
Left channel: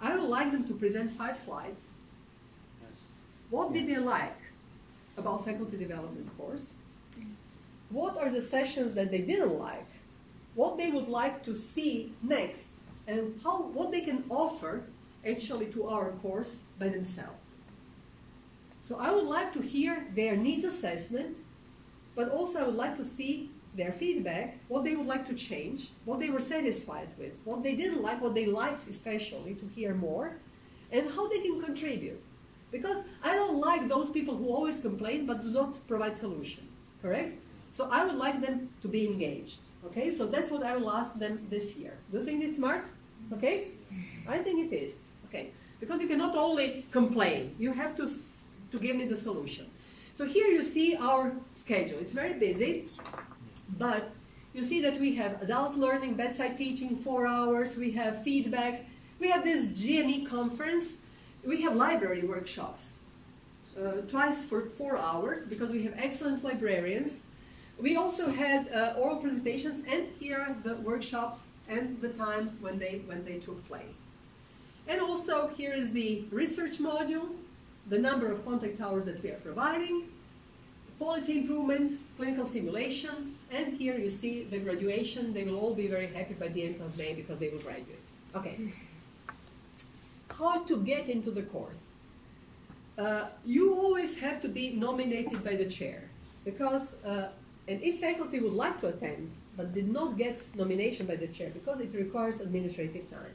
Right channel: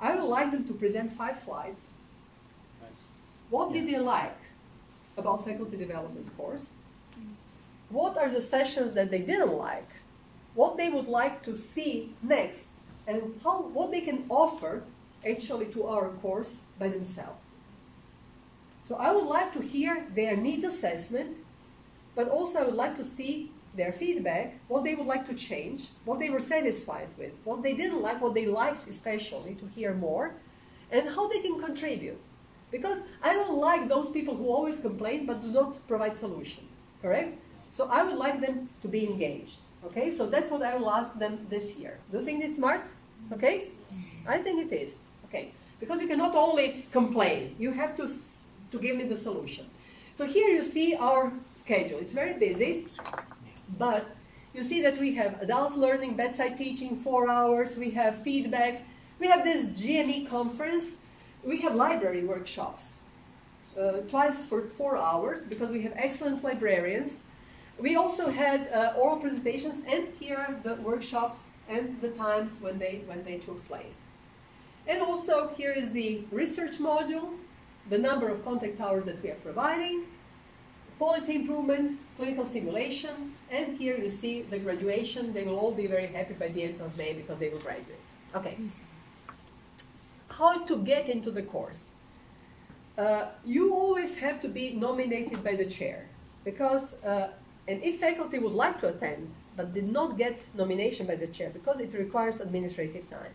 I would like them to present 5 slides. What did they like about faculty development course? What are the sessions that they didn't like? What they would like to see next? And what they can offer actually to our course by themselves. So I would like to hear their needs assessment, but also I would like to see their feedback, what they would like to change, what they were satisfied with, what they didn't like, what they liked especially to hear more, and how they can contribute. Because I don't like those people who always complain but do not provide solution, correct? So I would like them to be engaged, okay? So that's what I will ask them this year. Do you think it's smart? Okay? I think it is, okay? Because you cannot only complain, you have to give me the solution. So here you see our schedule. It's very busy, but you see that we have adult learning, bedside teaching, 4 hours, we have feedback, we have this GNE conference, we have library workshops, twice for 4 hours, because we have excellent librarians. We also had oral presentations, and here are the workshops and the time when they took place. And also here is the research module, the number of contact hours that we are providing, quality improvement, clinical simulation, and here you see the graduation. They will all be very happy by the end of May because they will graduate. Okay. How to get into the course? You always have to be nominated by the chair, because and if faculty would like to attend but did not get nomination by the chair, because it requires administrative time.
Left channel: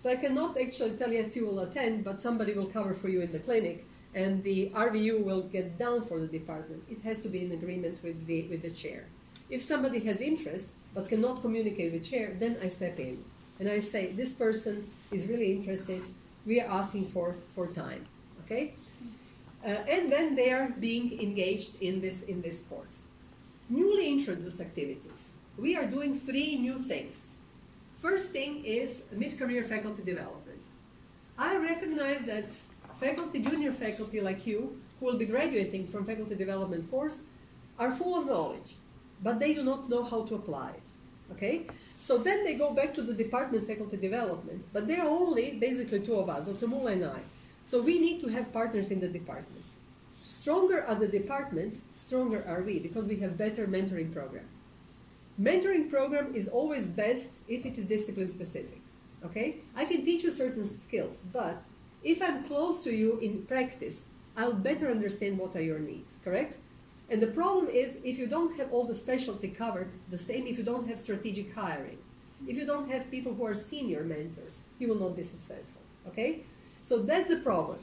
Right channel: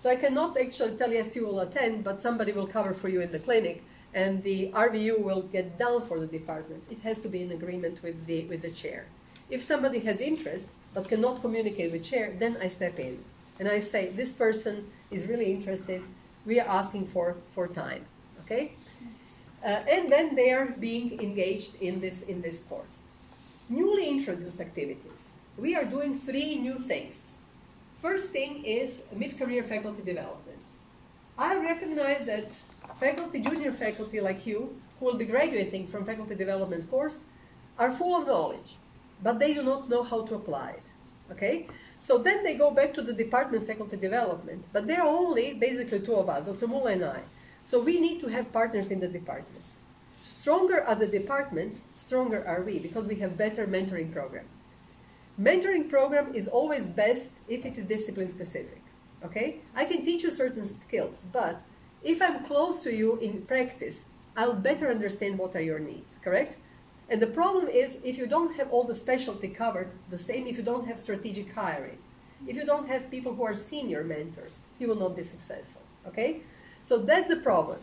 So I cannot actually tell you if you will attend, but somebody will cover for you in the clinic, and the RVU will get down for the department. It has to be in agreement with the chair. If somebody has interest but cannot communicate with chair, then I step in and I say, this person is really interested. We are asking for time, okay? And then they are being engaged in this course. Newly introduced activities. We are doing 3 new things. First thing is mid-career faculty development. I recognize that faculty, junior faculty like you, who will be graduating from faculty development course, are full of knowledge, but they do not know how to apply it, okay? So then they go back to the department faculty development, but there are only basically 2 of us, Dr. Mulla and I. So we need to have partners in the departments. Stronger are the departments, stronger are we, because we have better mentoring program. Mentoring program is always best if it is discipline specific, okay? I can teach you certain skills, but if I'm close to you in practice, I'll better understand what are your needs, correct? And the problem is if you don't have all the specialty covered, the same if you don't have strategic hiring, if you don't have people who are senior mentors, you will not be successful, okay? So that's the problem.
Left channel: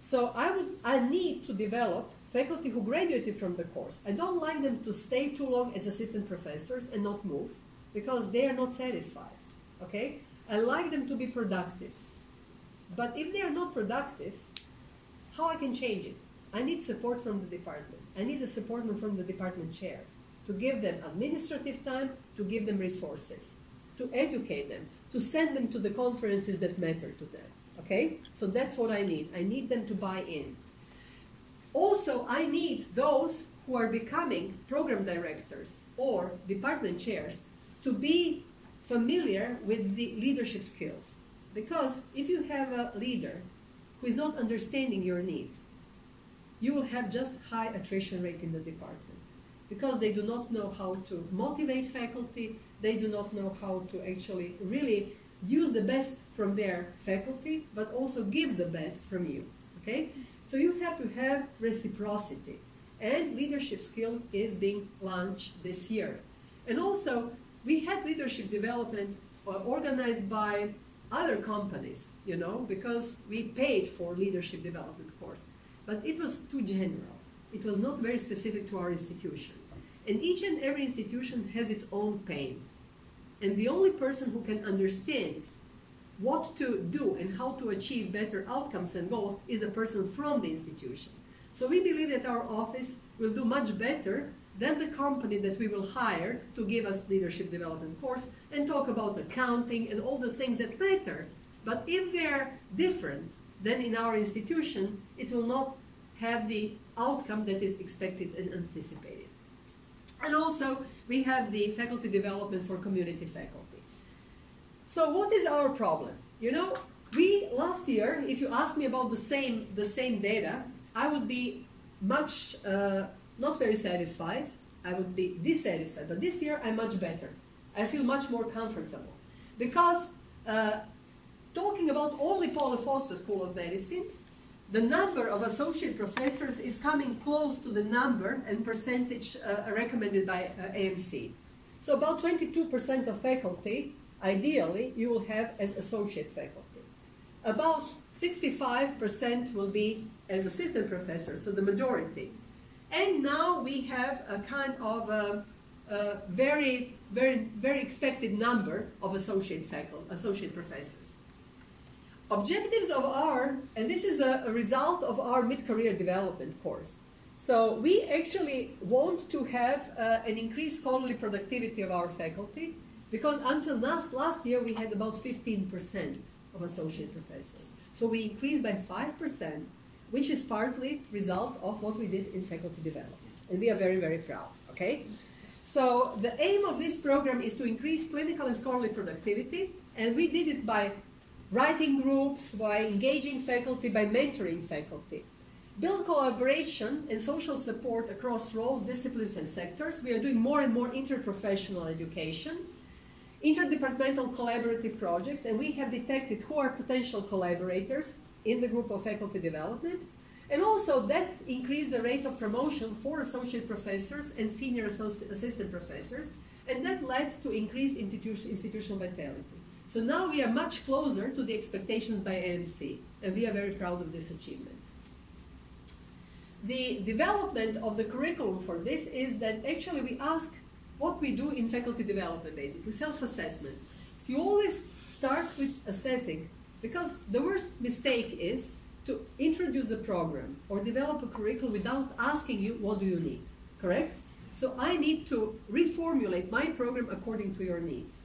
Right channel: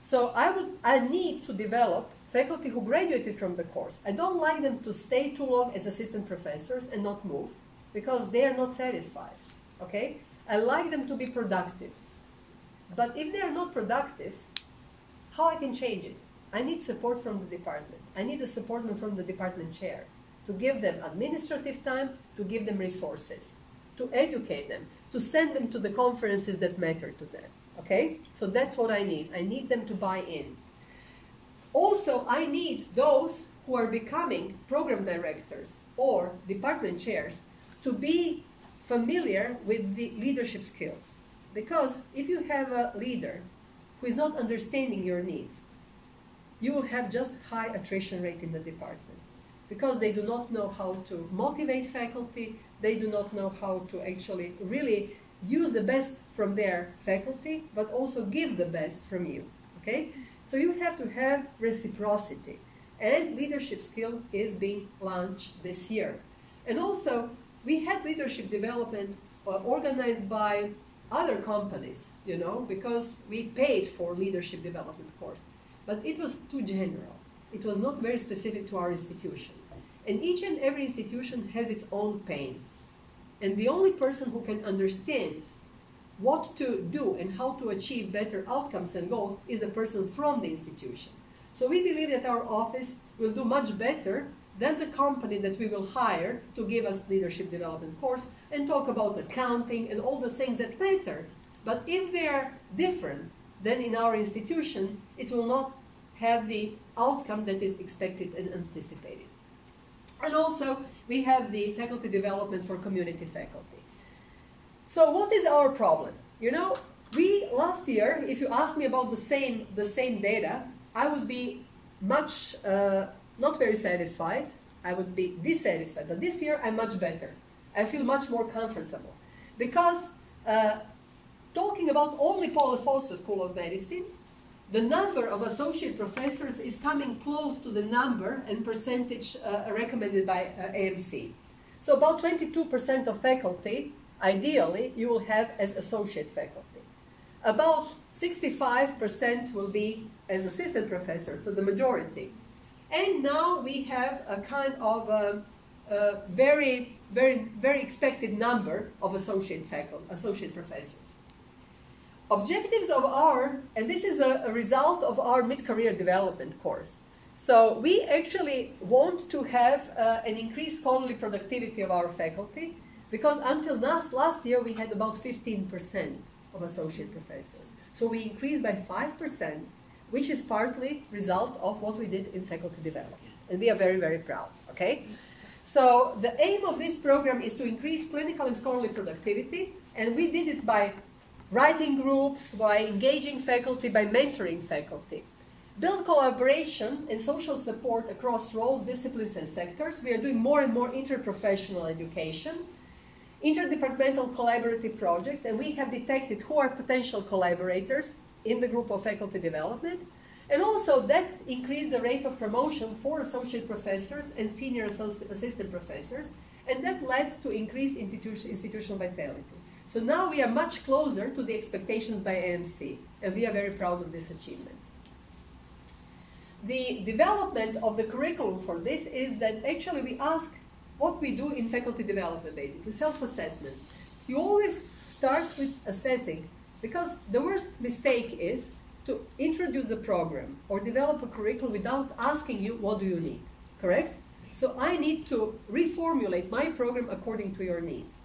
So I need to develop faculty who graduated from the course. I don't like them to stay too long as assistant professors and not move, because they are not satisfied, okay? I like them to be productive. But if they are not productive, how I can change it? I need support from the department. I need the support from the department chair to give them administrative time, to give them resources, to educate them, to send them to the conferences that matter to them, okay? So that's what I need. I need them to buy in. Also, I need those who are becoming program directors or department chairs to be familiar with the leadership skills. Because if you have a leader who is not understanding your needs, you will have just high attrition rate in the department, because they do not know how to motivate faculty, they do not know how to actually really use the best from their faculty, but also give the best from you, okay? So you have to have reciprocity, and leadership skill is being launched this year. And also, we had leadership development organized by other companies, you know, because we paid for leadership development course. But it was too general. It was not very specific to our institution. And each and every institution has its own pain. And the only person who can understand what to do and how to achieve better outcomes and goals is the person from the institution. So we believe that our office will do much better than the company that we will hire to give us leadership development course and talk about accounting and all the things that matter. But if they are different than in our institution, it will not have the outcome that is expected and anticipated. And also, we have the faculty development for community faculty. So what is our problem? You know, we last year, if you ask me about the same data, I would be much not very satisfied. I would be dissatisfied. But this year, I'm much better. I feel much more comfortable. Because talking about only Paul Foster School of Medicine, the number of associate professors is coming close to the number and percentage recommended by AMC. So about 22% of faculty, ideally, you will have as associate faculty. About 65% will be as assistant professors, so the majority. And now we have a kind of a very expected number of associate professors. Objectives of our, and this is a result of our mid-career development course. So we actually want to have an increased scholarly productivity of our faculty, because until last year we had about 15% of associate professors. So we increased by 5%, which is partly result of what we did in faculty development. And we are very, very proud, okay? So the aim of this program is to increase clinical and scholarly productivity, and we did it by writing groups, by engaging faculty, by mentoring faculty. Build collaboration and social support across roles, disciplines, and sectors. We are doing more and more interprofessional education, interdepartmental collaborative projects, and we have detected who are potential collaborators in the group of faculty development. And also that increased the rate of promotion for associate professors and senior assistant professors, and that led to increased institutional vitality. So now we are much closer to the expectations by AMC, and we are very proud of this achievement. The development of the curriculum for this is that actually we ask what we do in faculty development, basically, self-assessment. You always start with assessing, because the worst mistake is to introduce a program or develop a curriculum without asking you what do you need, correct? So I need to reformulate my program according to your needs.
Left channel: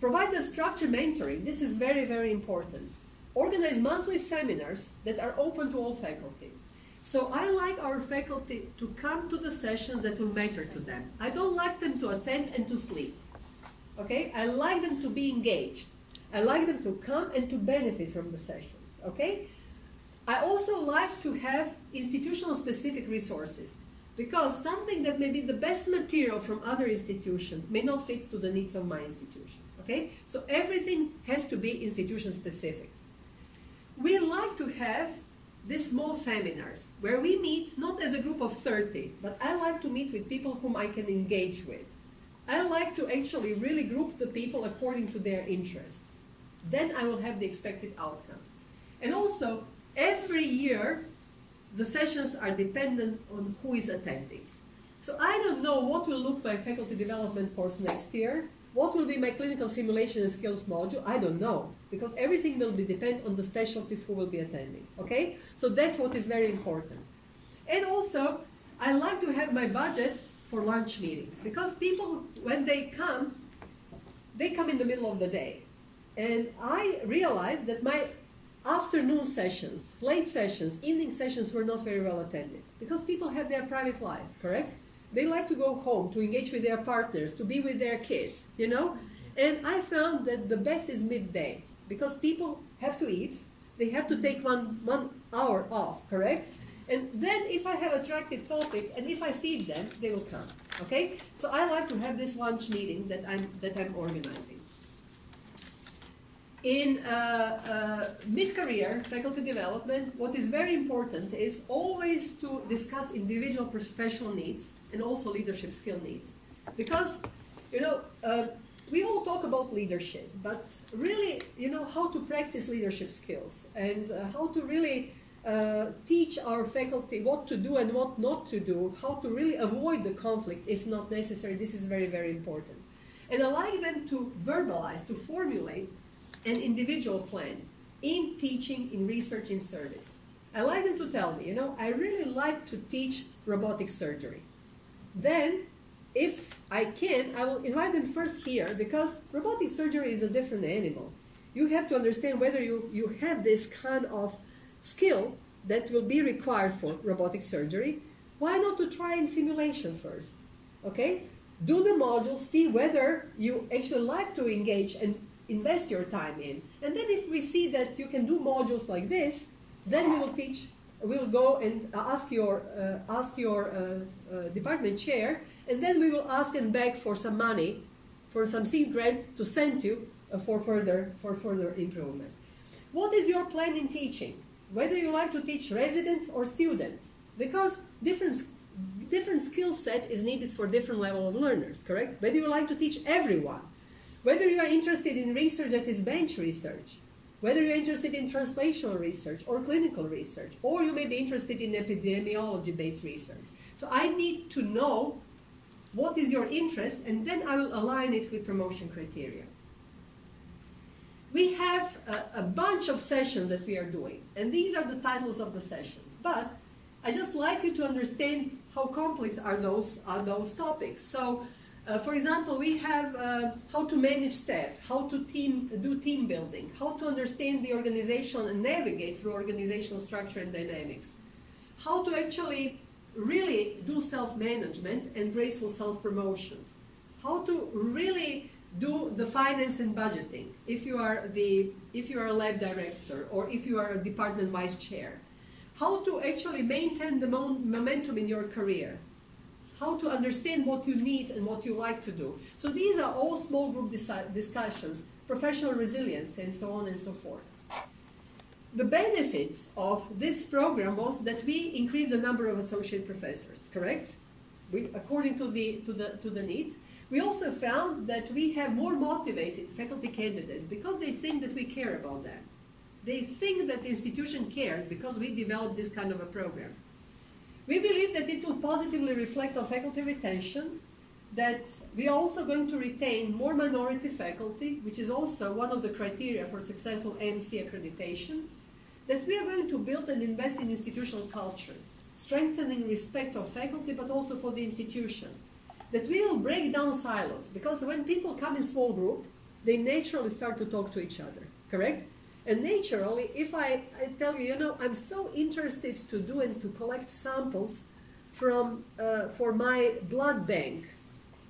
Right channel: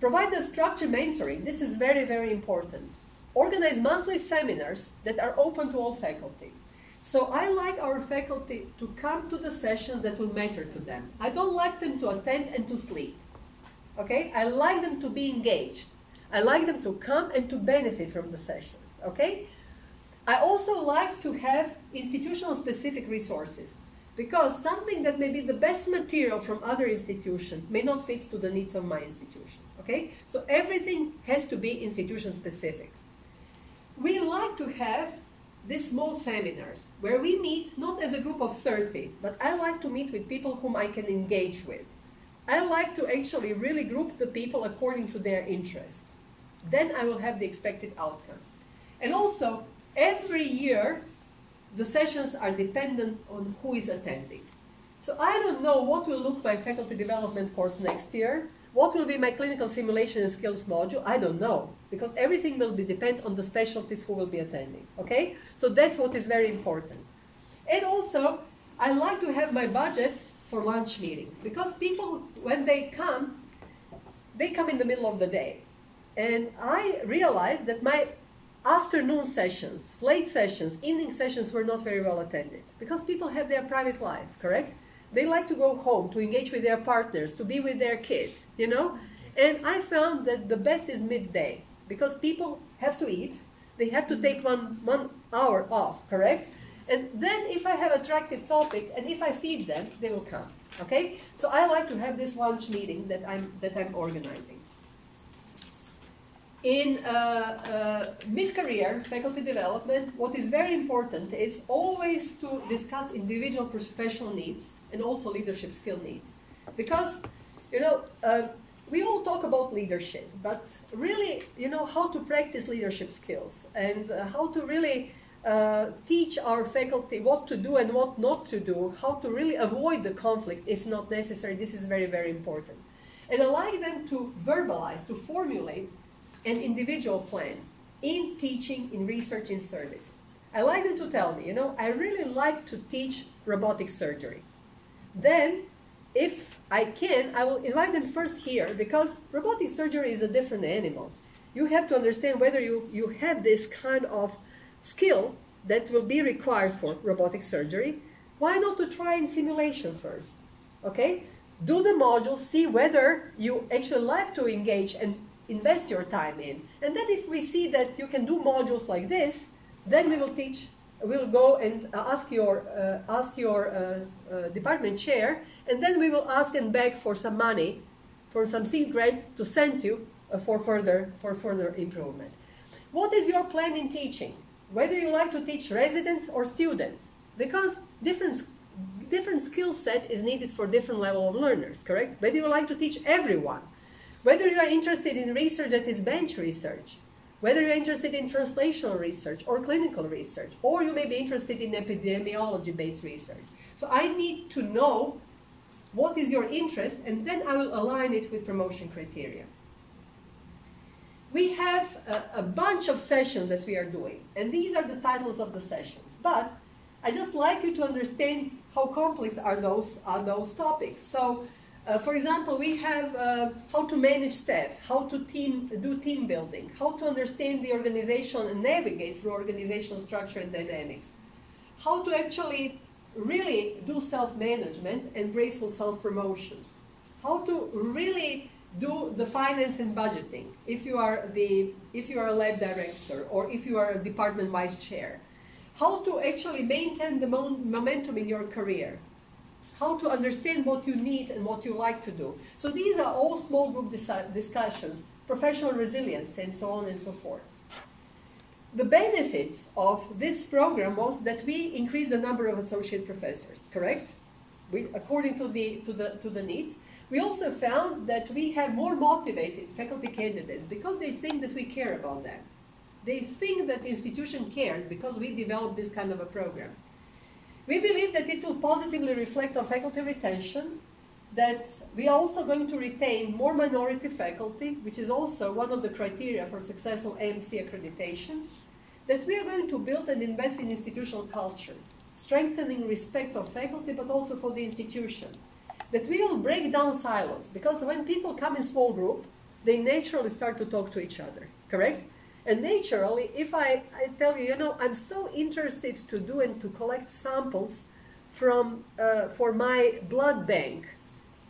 Provide the structured mentoring. This is very, very important. Organize monthly seminars that are open to all faculty. So I like our faculty to come to the sessions that will matter to them. I don't like them to attend and to sleep. Okay? I like them to be engaged. I like them to come and to benefit from the sessions. Okay? I also like to have institutional specific resources, because something that may be the best material from other institutions may not fit to the needs of my institution. Okay? So everything has to be institution specific. We like to have these small seminars where we meet not as a group of 30, but I like to meet with people whom I can engage with. I like to actually really group the people according to their interest. Then I will have the expected outcome. And also, every year, the sessions are dependent on who is attending. So I don't know what will look my faculty development course next year. What will be my clinical simulation and skills module? I don't know, because everything will depend on the specialties who will be attending, okay? So that's what is very important. And also, I like to have my budget for lunch meetings, because people, when they come in the middle of the day. And I realized that my afternoon sessions, late sessions, evening sessions were not very well attended, because people have their private life, correct? They like to go home, to engage with their partners, to be with their kids, you know? And I found that the best is midday, because people have to eat, they have to take one hour off, correct? And then if I have attractive topics, and if I feed them, they will come, okay? So I like to have this lunch meeting that I'm organizing. In mid-career faculty development, what is very important is always to discuss individual professional needs and also leadership skill needs. Because, you know, we all talk about leadership, but really, you know, how to practice leadership skills and how to really teach our faculty what to do and what not to do, how to really avoid the conflict if not necessary. This is very, very important. And I like them to verbalize, to formulate an individual plan in teaching, in research, in service. I like them to tell me, you know, I really like to teach robotic surgery. Then, if I can, I will invite them first here, because robotic surgery is a different animal. You have to understand whether you have this kind of skill that will be required for robotic surgery. Why not to try in simulation first? Okay? Do the module, see whether you actually like to engage and invest your time in. And then if we see that you can do modules like this, then we will teach, we'll go and ask your department chair, and then we will ask and beg for some money, for some seed grant to send you for further improvement. What is your plan in teaching? Whether you like to teach residents or students, because different skill set is needed for different level of learners, correct? Whether you like to teach everyone, whether you are interested in research that is bench research, whether you're interested in translational research or clinical research, or you may be interested in epidemiology-based research. So I need to know what is your interest, and then I will align it with promotion criteria. We have a bunch of sessions that we are doing, and these are the titles of the sessions. But I just like you to understand how complex are those topics. So, for example, we have how to manage staff, how to do team building, how to understand the organization and navigate through organizational structure and dynamics, how to actually really do self-management and graceful self-promotion, how to really do the finance and budgeting if you are a lab director or if you are a department vice chair, how to actually maintain the momentum in your career, how to understand what you need and what you like to do. So these are all small group discussions, professional resilience, and so on and so forth. The benefits of this program was that we increased the number of associate professors, correct? According to the needs. We also found that we have more motivated faculty candidates because they think that we care about them. They think that the institution cares because we developed this kind of a program. We believe that it will positively reflect on faculty retention, that we are also going to retain more minority faculty, which is also one of the criteria for successful AMC accreditation, that we are going to build and invest in institutional culture, strengthening respect of faculty but also for the institution, that we will break down silos, because when people come in small group, they naturally start to talk to each other, correct? And naturally, if I tell you, you know, I'm so interested to do and to collect samples from, for my blood bank,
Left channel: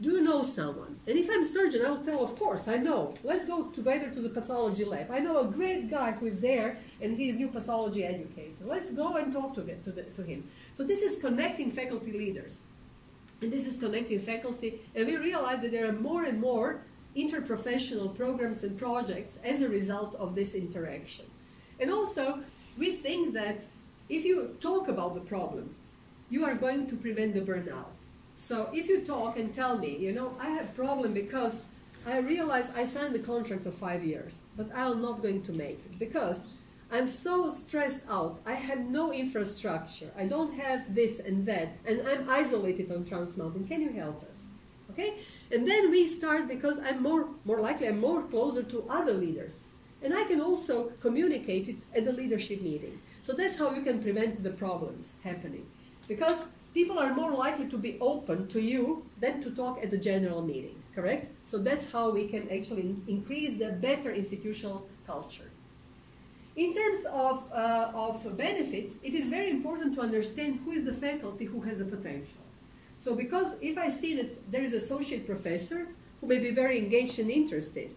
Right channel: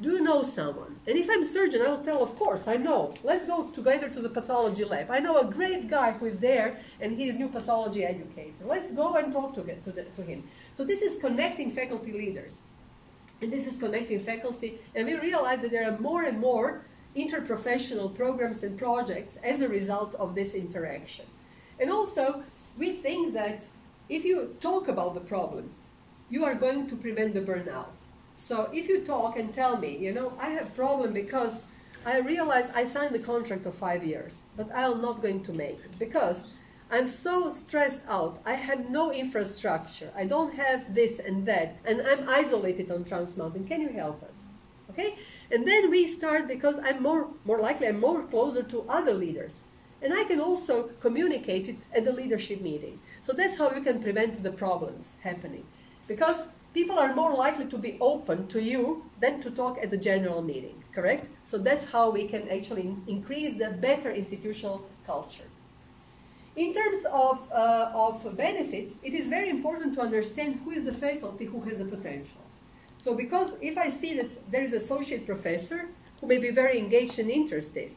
do you know someone? And if I'm a surgeon, I will tell, of course, I know. Let's go together to the pathology lab. I know a great guy who is there, and he is new pathology educator. Let's go and talk to him. So this is connecting faculty leaders. And this is connecting faculty, and we realize that there are more and more interprofessional programs and projects as a result of this interaction. And also, we think that if you talk about the problems, you are going to prevent the burnout. So if you talk and tell me, you know, I have a problem because I realize I signed a contract of 5 years, but I'm not going to make it because I'm so stressed out. I have no infrastructure. I don't have this and that, and I'm isolated on Trans Mountain. Can you help us? Okay? And then we start, because I'm more likely, I'm more closer to other leaders. And I can also communicate it at the leadership meeting. So that's how you can prevent the problems happening. Because people are more likely to be open to you than to talk at the general meeting, correct? So that's how we can actually increase the better institutional culture. In terms of benefits, it is very important to understand who is the faculty who has a potential. So because if I see that there is an associate professor who may be very engaged and interested,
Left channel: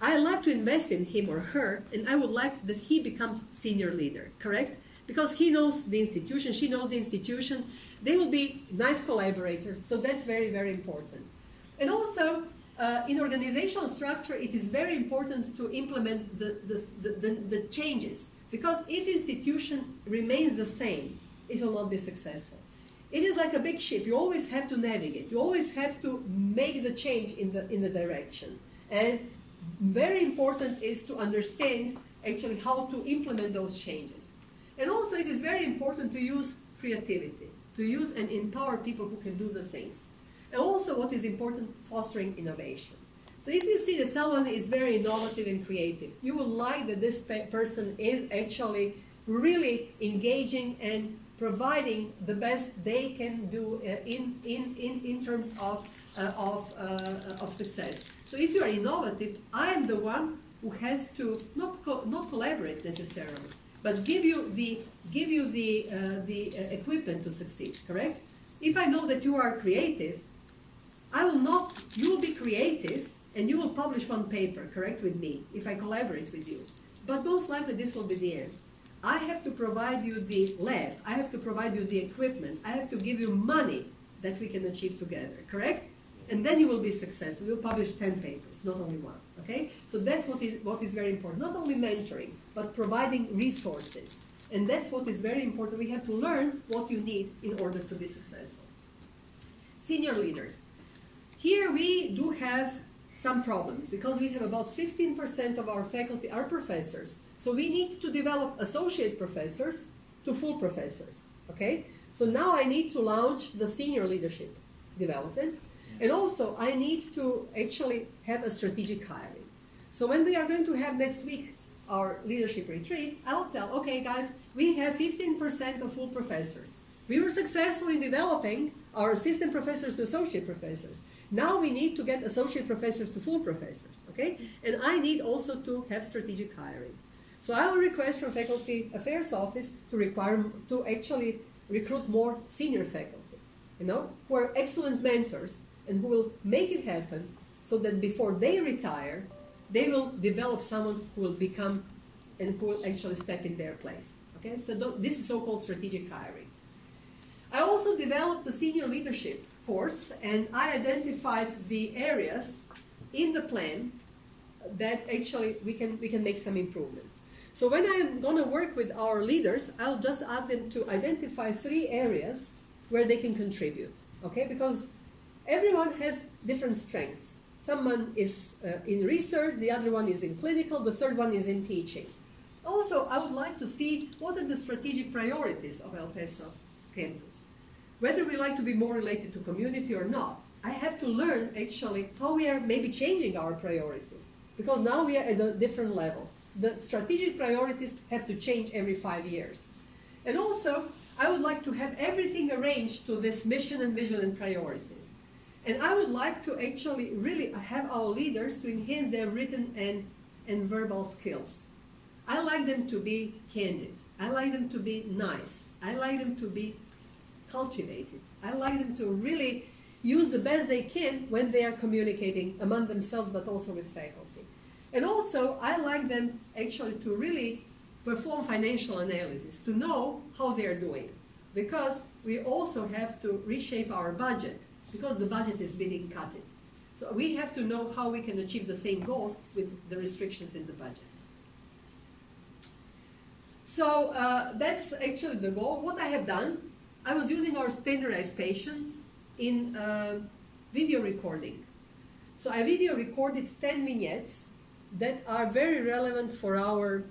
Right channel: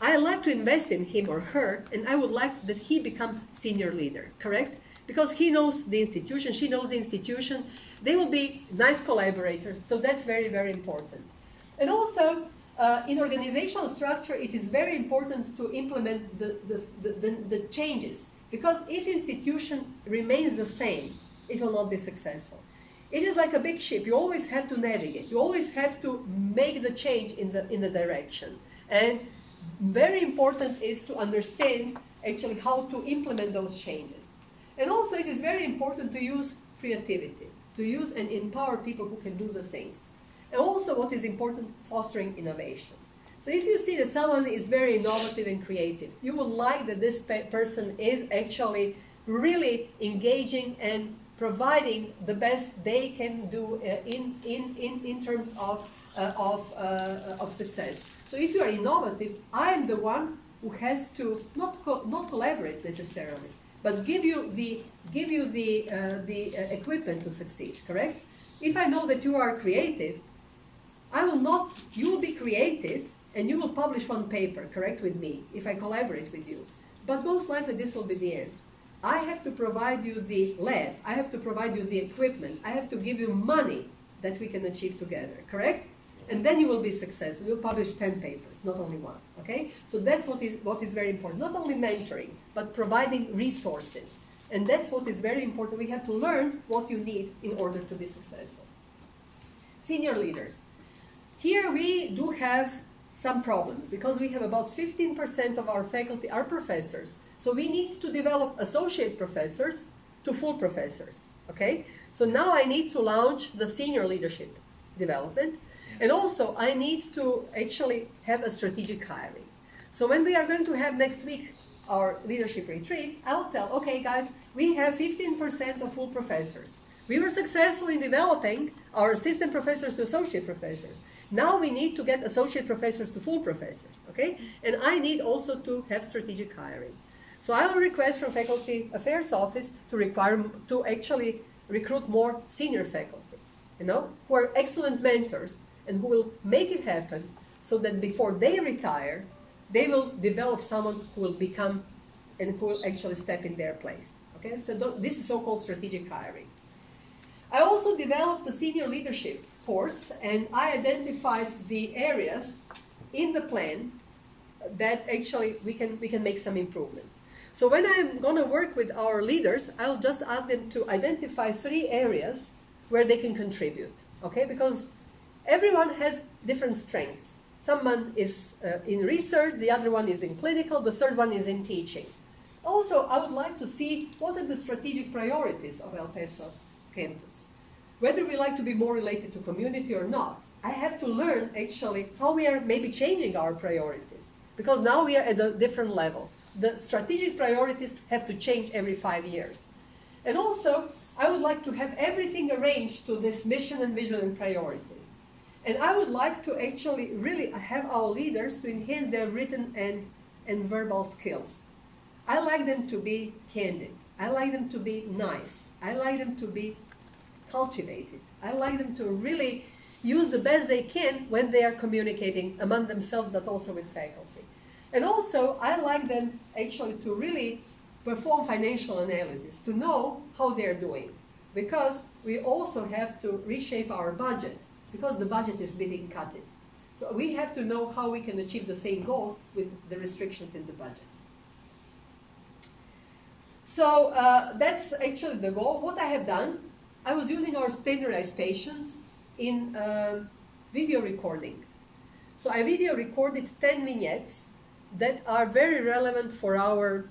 I like to invest in him or her, and I would like that he becomes senior leader, correct? Because he knows the institution, she knows the institution, they will be nice collaborators, so that's very, very important. And also, in organizational structure, it is very important to implement the changes, because if institution remains the same, it will not be successful. It is like a big ship. You always have to navigate. You always have to make the change in the direction. And very important is to understand actually how to implement those changes. And also it is very important to use creativity, to use and empower people who can do the things. And also what is important, fostering innovation. So if you see that someone is very innovative and creative, you will like that this person is actually really engaging and providing the best they can do in terms of success. So if you are innovative, I'm the one who has to not collaborate necessarily, but give you the equipment to succeed. Correct? If I know that you are creative, you will be creative and you will publish one paper, correct, with me, if I collaborate with you. But most likely this will be the end. I have to provide you the lab, I have to provide you the equipment, I have to give you money that we can achieve together, correct? And then you will be successful. You'll publish 10 papers, not only one, okay? So that's what is very important. Not only mentoring, but providing resources. And that's what is very important. We have to learn what you need in order to be successful. Senior leaders. Here we do have some problems because we have about 15% of our faculty are professors. So we need to develop associate professors to full professors, okay? So now I need to launch the senior leadership development. And also I need to actually have a strategic hiring. So when we are going to have next week our leadership retreat, I'll tell, okay guys, we have 15% of full professors. We were successful in developing our assistant professors to associate professors. Now we need to get associate professors to full professors, okay? And I need also to have strategic hiring. So I will request from Faculty Affairs Office to actually recruit more senior faculty, who are excellent mentors and who will make it happen so that before they retire, they will develop someone who will become and who will actually step in their place, okay? So this is so-called strategic hiring. I also developed a senior leadership course, and I identified the areas in the plan that actually we can make some improvements. So when I'm going to work with our leaders, I'll just ask them to identify 3 areas where they can contribute, okay? Because everyone has different strengths. Someone is in research, the other one is in clinical, the third one is in teaching. Also, I would like to see what are the strategic priorities of El Paso campus. Whether we like to be more related to community or not, I have to learn actually how we are maybe changing our priorities, because now we are at a different level. The strategic priorities have to change every 5 years. And also, I would like to have everything arranged to this mission and vision and priorities. And I would like to actually really have our leaders to enhance their written and verbal skills. I like them to be candid. I like them to be nice. I like them to be cultivated. I like them to really use the best they can when they are communicating among themselves, but also with faculty. And also, I like them actually to really perform financial analysis, to know how they're doing. Because we also have to reshape our budget, because the budget is being cut. So we have to know how we can achieve the same goals with the restrictions in the budget. So that's actually the goal. What I have done, I was using our standardized patients in video recording. So I video recorded 10 vignettes that are very relevant for our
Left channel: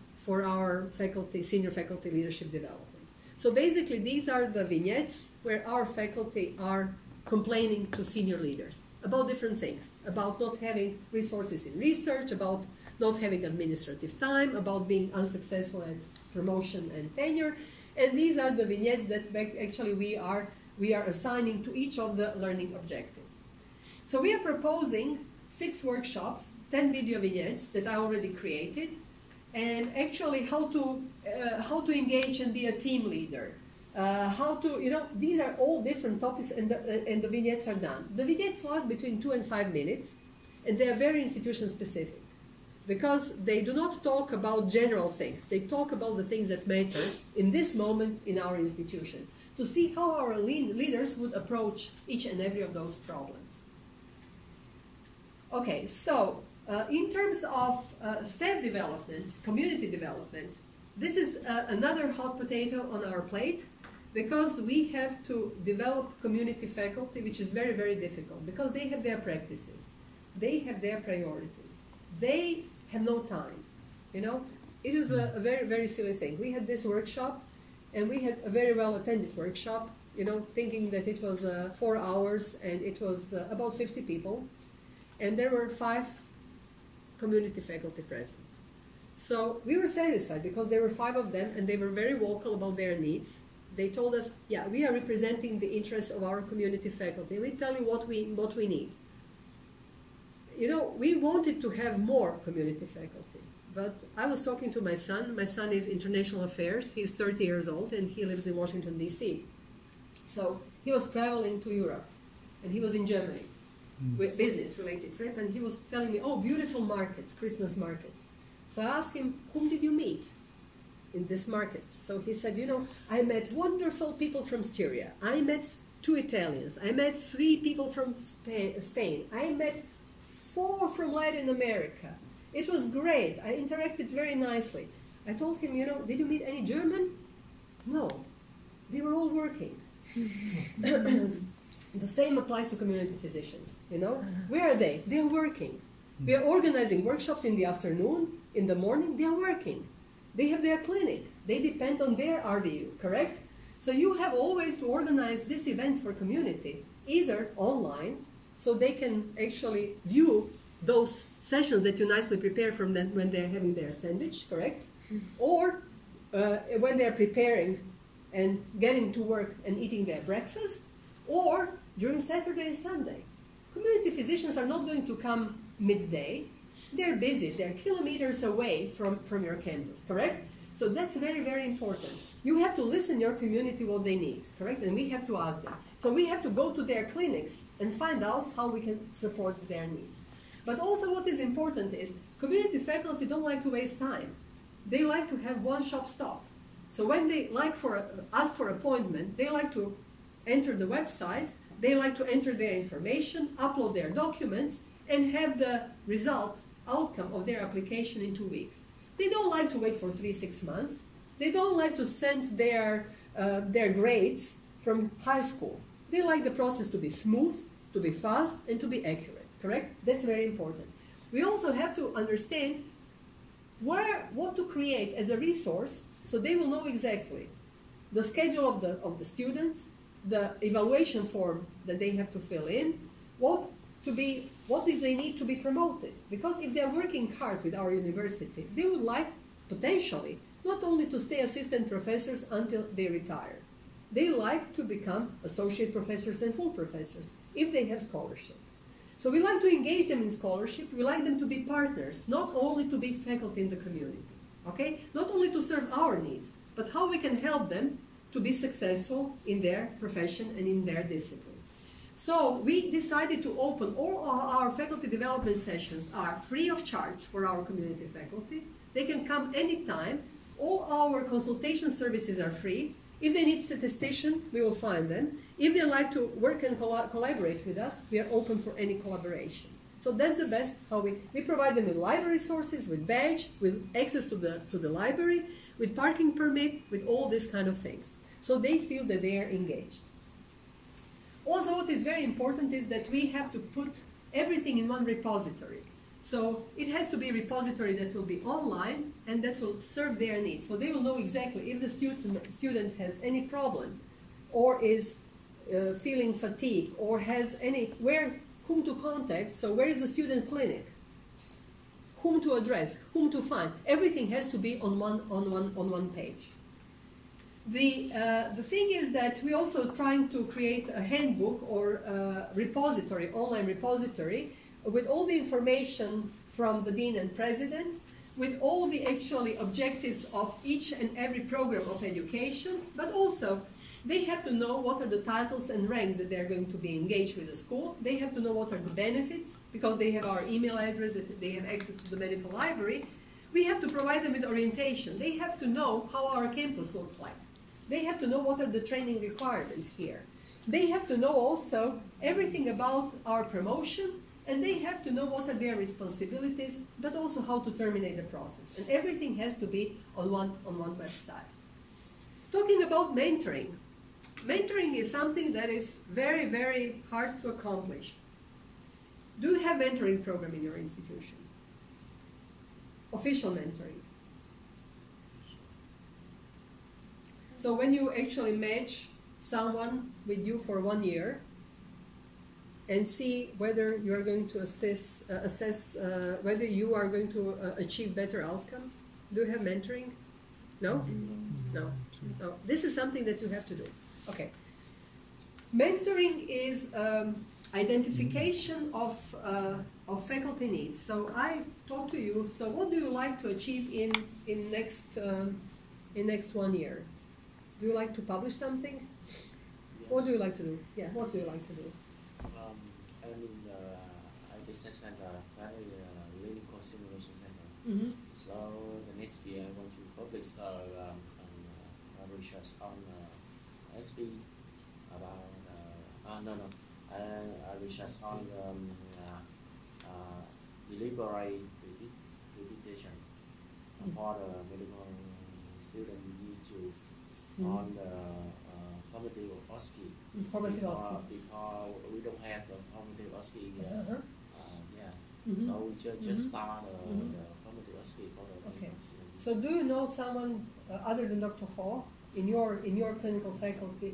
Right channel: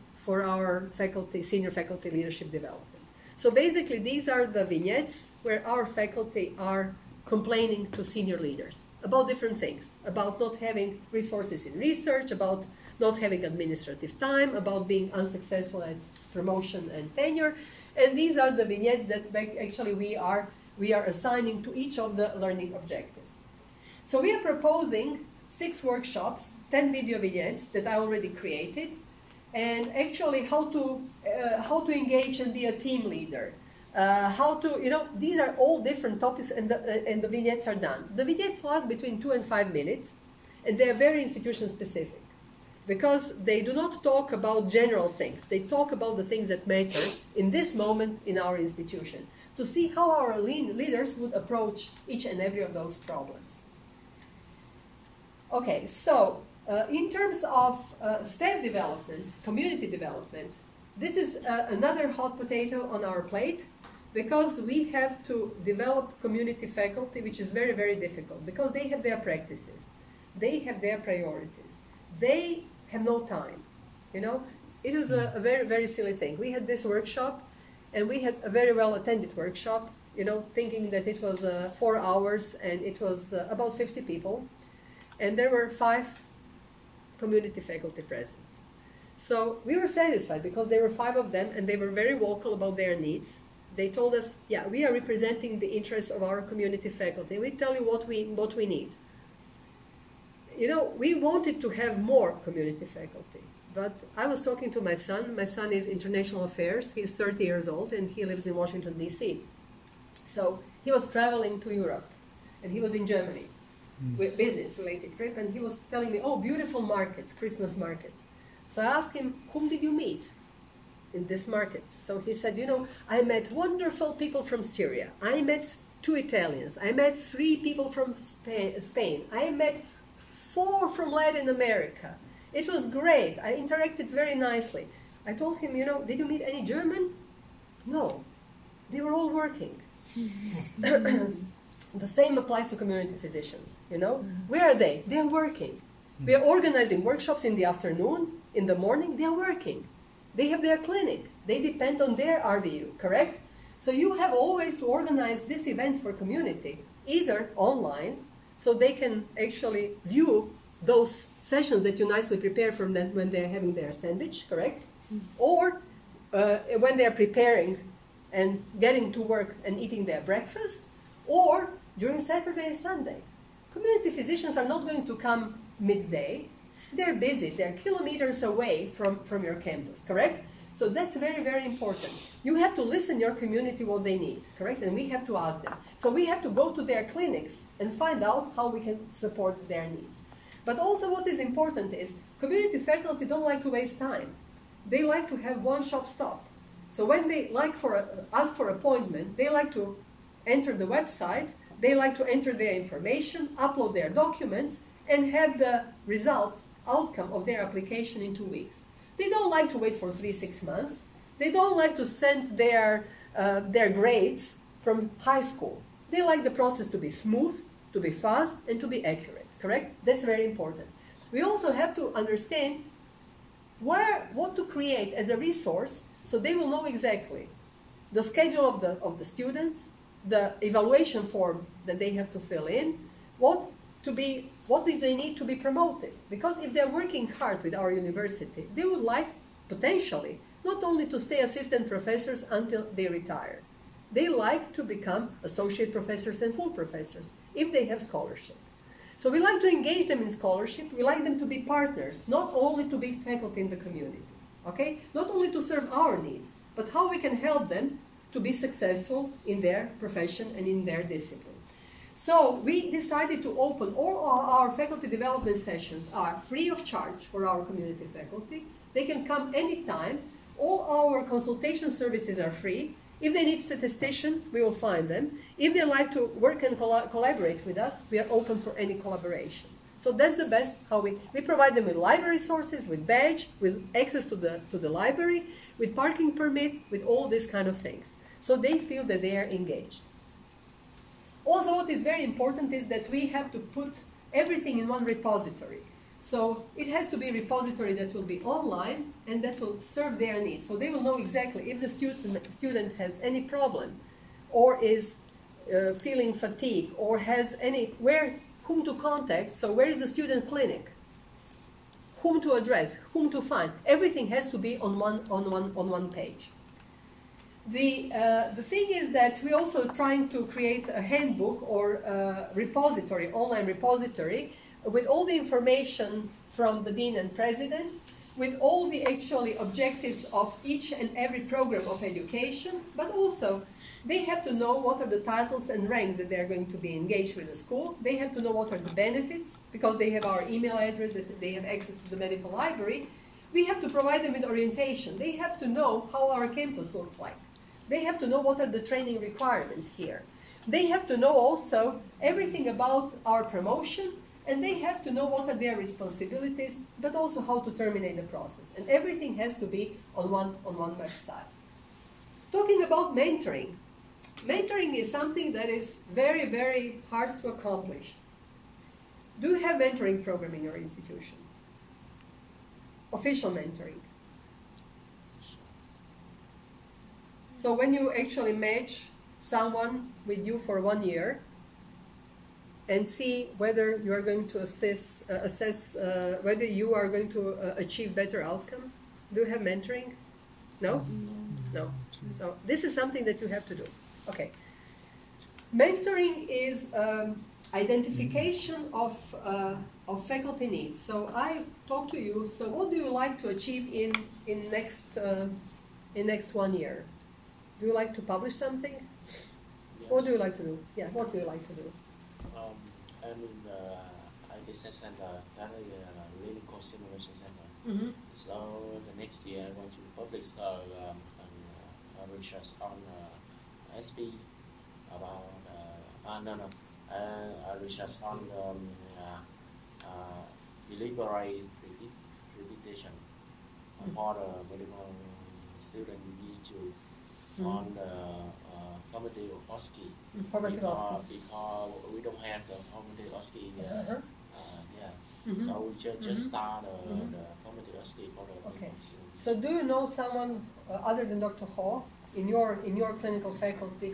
faculty, senior faculty leadership development. So basically these are the vignettes where our faculty are complaining to senior leaders about different things, about not having resources in research, about not having administrative time, about being unsuccessful at promotion and tenure. And these are the vignettes that actually we are assigning to each of the learning objectives. So we are proposing 6 workshops, 10 video vignettes that I already created, and actually how to engage and be a team leader. These are all different topics, and the vignettes are done. The vignettes last between 2 and 5 minutes, and they are very institution specific, because they do not talk about general things. They talk about the things that matter in this moment in our institution, to see how our leaders would approach each and every of those problems. Okay, so in terms of staff development, community development, this is another hot potato on our plate, because we have to develop community faculty, which is very, very difficult, because they have their practices, they have their priorities, they have no time, you know. It was a very, very silly thing. We had this workshop, and we had a very well-attended workshop, you know, thinking that it was 4 hours, and it was about 50 people, and there were 5 community faculty present. So we were satisfied because there were 5 of them, and they were very vocal about their needs. They told us, yeah, we are representing the interests of our community faculty. We tell you what we need. You know, we wanted to have more community faculty, but I was talking to my son. My son is international affairs. He's 30 years old, and he lives in Washington, D.C. So he was traveling to Europe, and he was in Germany with business-related trip, and he was telling me, oh, beautiful markets, Christmas markets. So I asked him, whom did you meet in this market? So he said, you know, I met wonderful people from Syria. I met 2 Italians. I met 3 people from Spain. I met 4 from Latin America. It was great. I interacted very nicely. I told him, you know, did you meet any German? No. They were all working. The same applies to community physicians, you know. Where are they? They are working. We are organizing workshops in the afternoon, in the morning, they are working. They have their clinic. They depend on their RVU, correct? So you have always to organize this event for community, either online, so they can actually view those sessions that you nicely prepare for them when they're having their sandwich, correct? Or when they're preparing and getting to work and eating their breakfast, or during Saturday and Sunday. Community physicians are not going to come midday. They're busy. They're kilometers away from your campus, correct? So that's very, very important. You have to listen your community what they need, correct? And we have to ask them. So we have to go to their clinics and find out how we can support their needs. But also what is important is community faculty don't like to waste time. They like to have one-stop stop. So when they ask for appointment, they like to enter the website, they like to enter their information, upload their documents, and have the outcome of their application in 2 weeks. They don't like to wait for 3-6 months. They don't like to send their grades from high school. They like the process to be smooth, to be fast, and to be accurate, correct? That's very important. We also have to understand what to create as a resource so they will know exactly the schedule of the students, the evaluation form that they have to fill in, what do they need to be promoted. Because if they're working hard with our university, they would like, potentially, not only to stay assistant professors until they retire. They like to become associate professors and full professors if they have scholarship. So we like to engage them in scholarship. We like them to be partners, not only to be faculty in the community, okay? Not only to serve our needs, but how we can help them to be successful in their profession and in their discipline. So we decided to open all our faculty development sessions are free of charge for our community faculty. They can come anytime. All our consultation services are free. If they need statistician, we will find them. If they like to work and collaborate with us, we are open for any collaboration. So that's the best how we provide them with library resources, with badge, with access to the library, with parking permit, with all these kind of things. So they feel that they are engaged. Also, what is very important is that we have to put everything in one repository. So it has to be a repository that will be online and that will serve their needs. So they will know exactly if the student has any problem or is feeling fatigue or has whom to contact. So where is the student clinic? Whom to address, whom to find. Everything has to be on one page. The thing is that we're also trying to create a handbook or a repository, online repository, with all the information from the dean and president, with all the actually objectives of each and every program of education, but also they have to know what are the titles and ranks that they're going to be engaged with the school. They have to know what are the benefits, because they have our email address, they have access to the medical library. We have to provide them with orientation. They have to know how our campus looks like. They have to know what are the training requirements here. They have to know also everything about our promotion, and they have to know what are their responsibilities, but also how to terminate the process. And everything has to be on one website. Talking about mentoring. Mentoring is something that is very, very hard to accomplish. Do you have mentoring program in your institution? official mentoring. So when you actually match someone with you for 1 year and see whether you are going to assess whether you are going to achieve better outcome. Do you have mentoring? No? No. No. This is something that you have to do. Okay. Mentoring is identification of faculty needs. So I talk to you. So what do you like to achieve in next 1 year? Do you like to publish something? Yes. What do you like to do? Yeah. What do you like to do? I'm in IDC Center, currently Winning Course Simulation Center. Mm-hmm. So the next year I want to publish research on SB about research on deliberate repetition for the medical student used to on the formative OSCE. Formative OSCE. Because we don't have the formative OSCE yet. Yeah. Mm-hmm. So we just start the formative OSCE for the Okay. medical student. So do you know someone other than Dr. Hall in your clinical faculty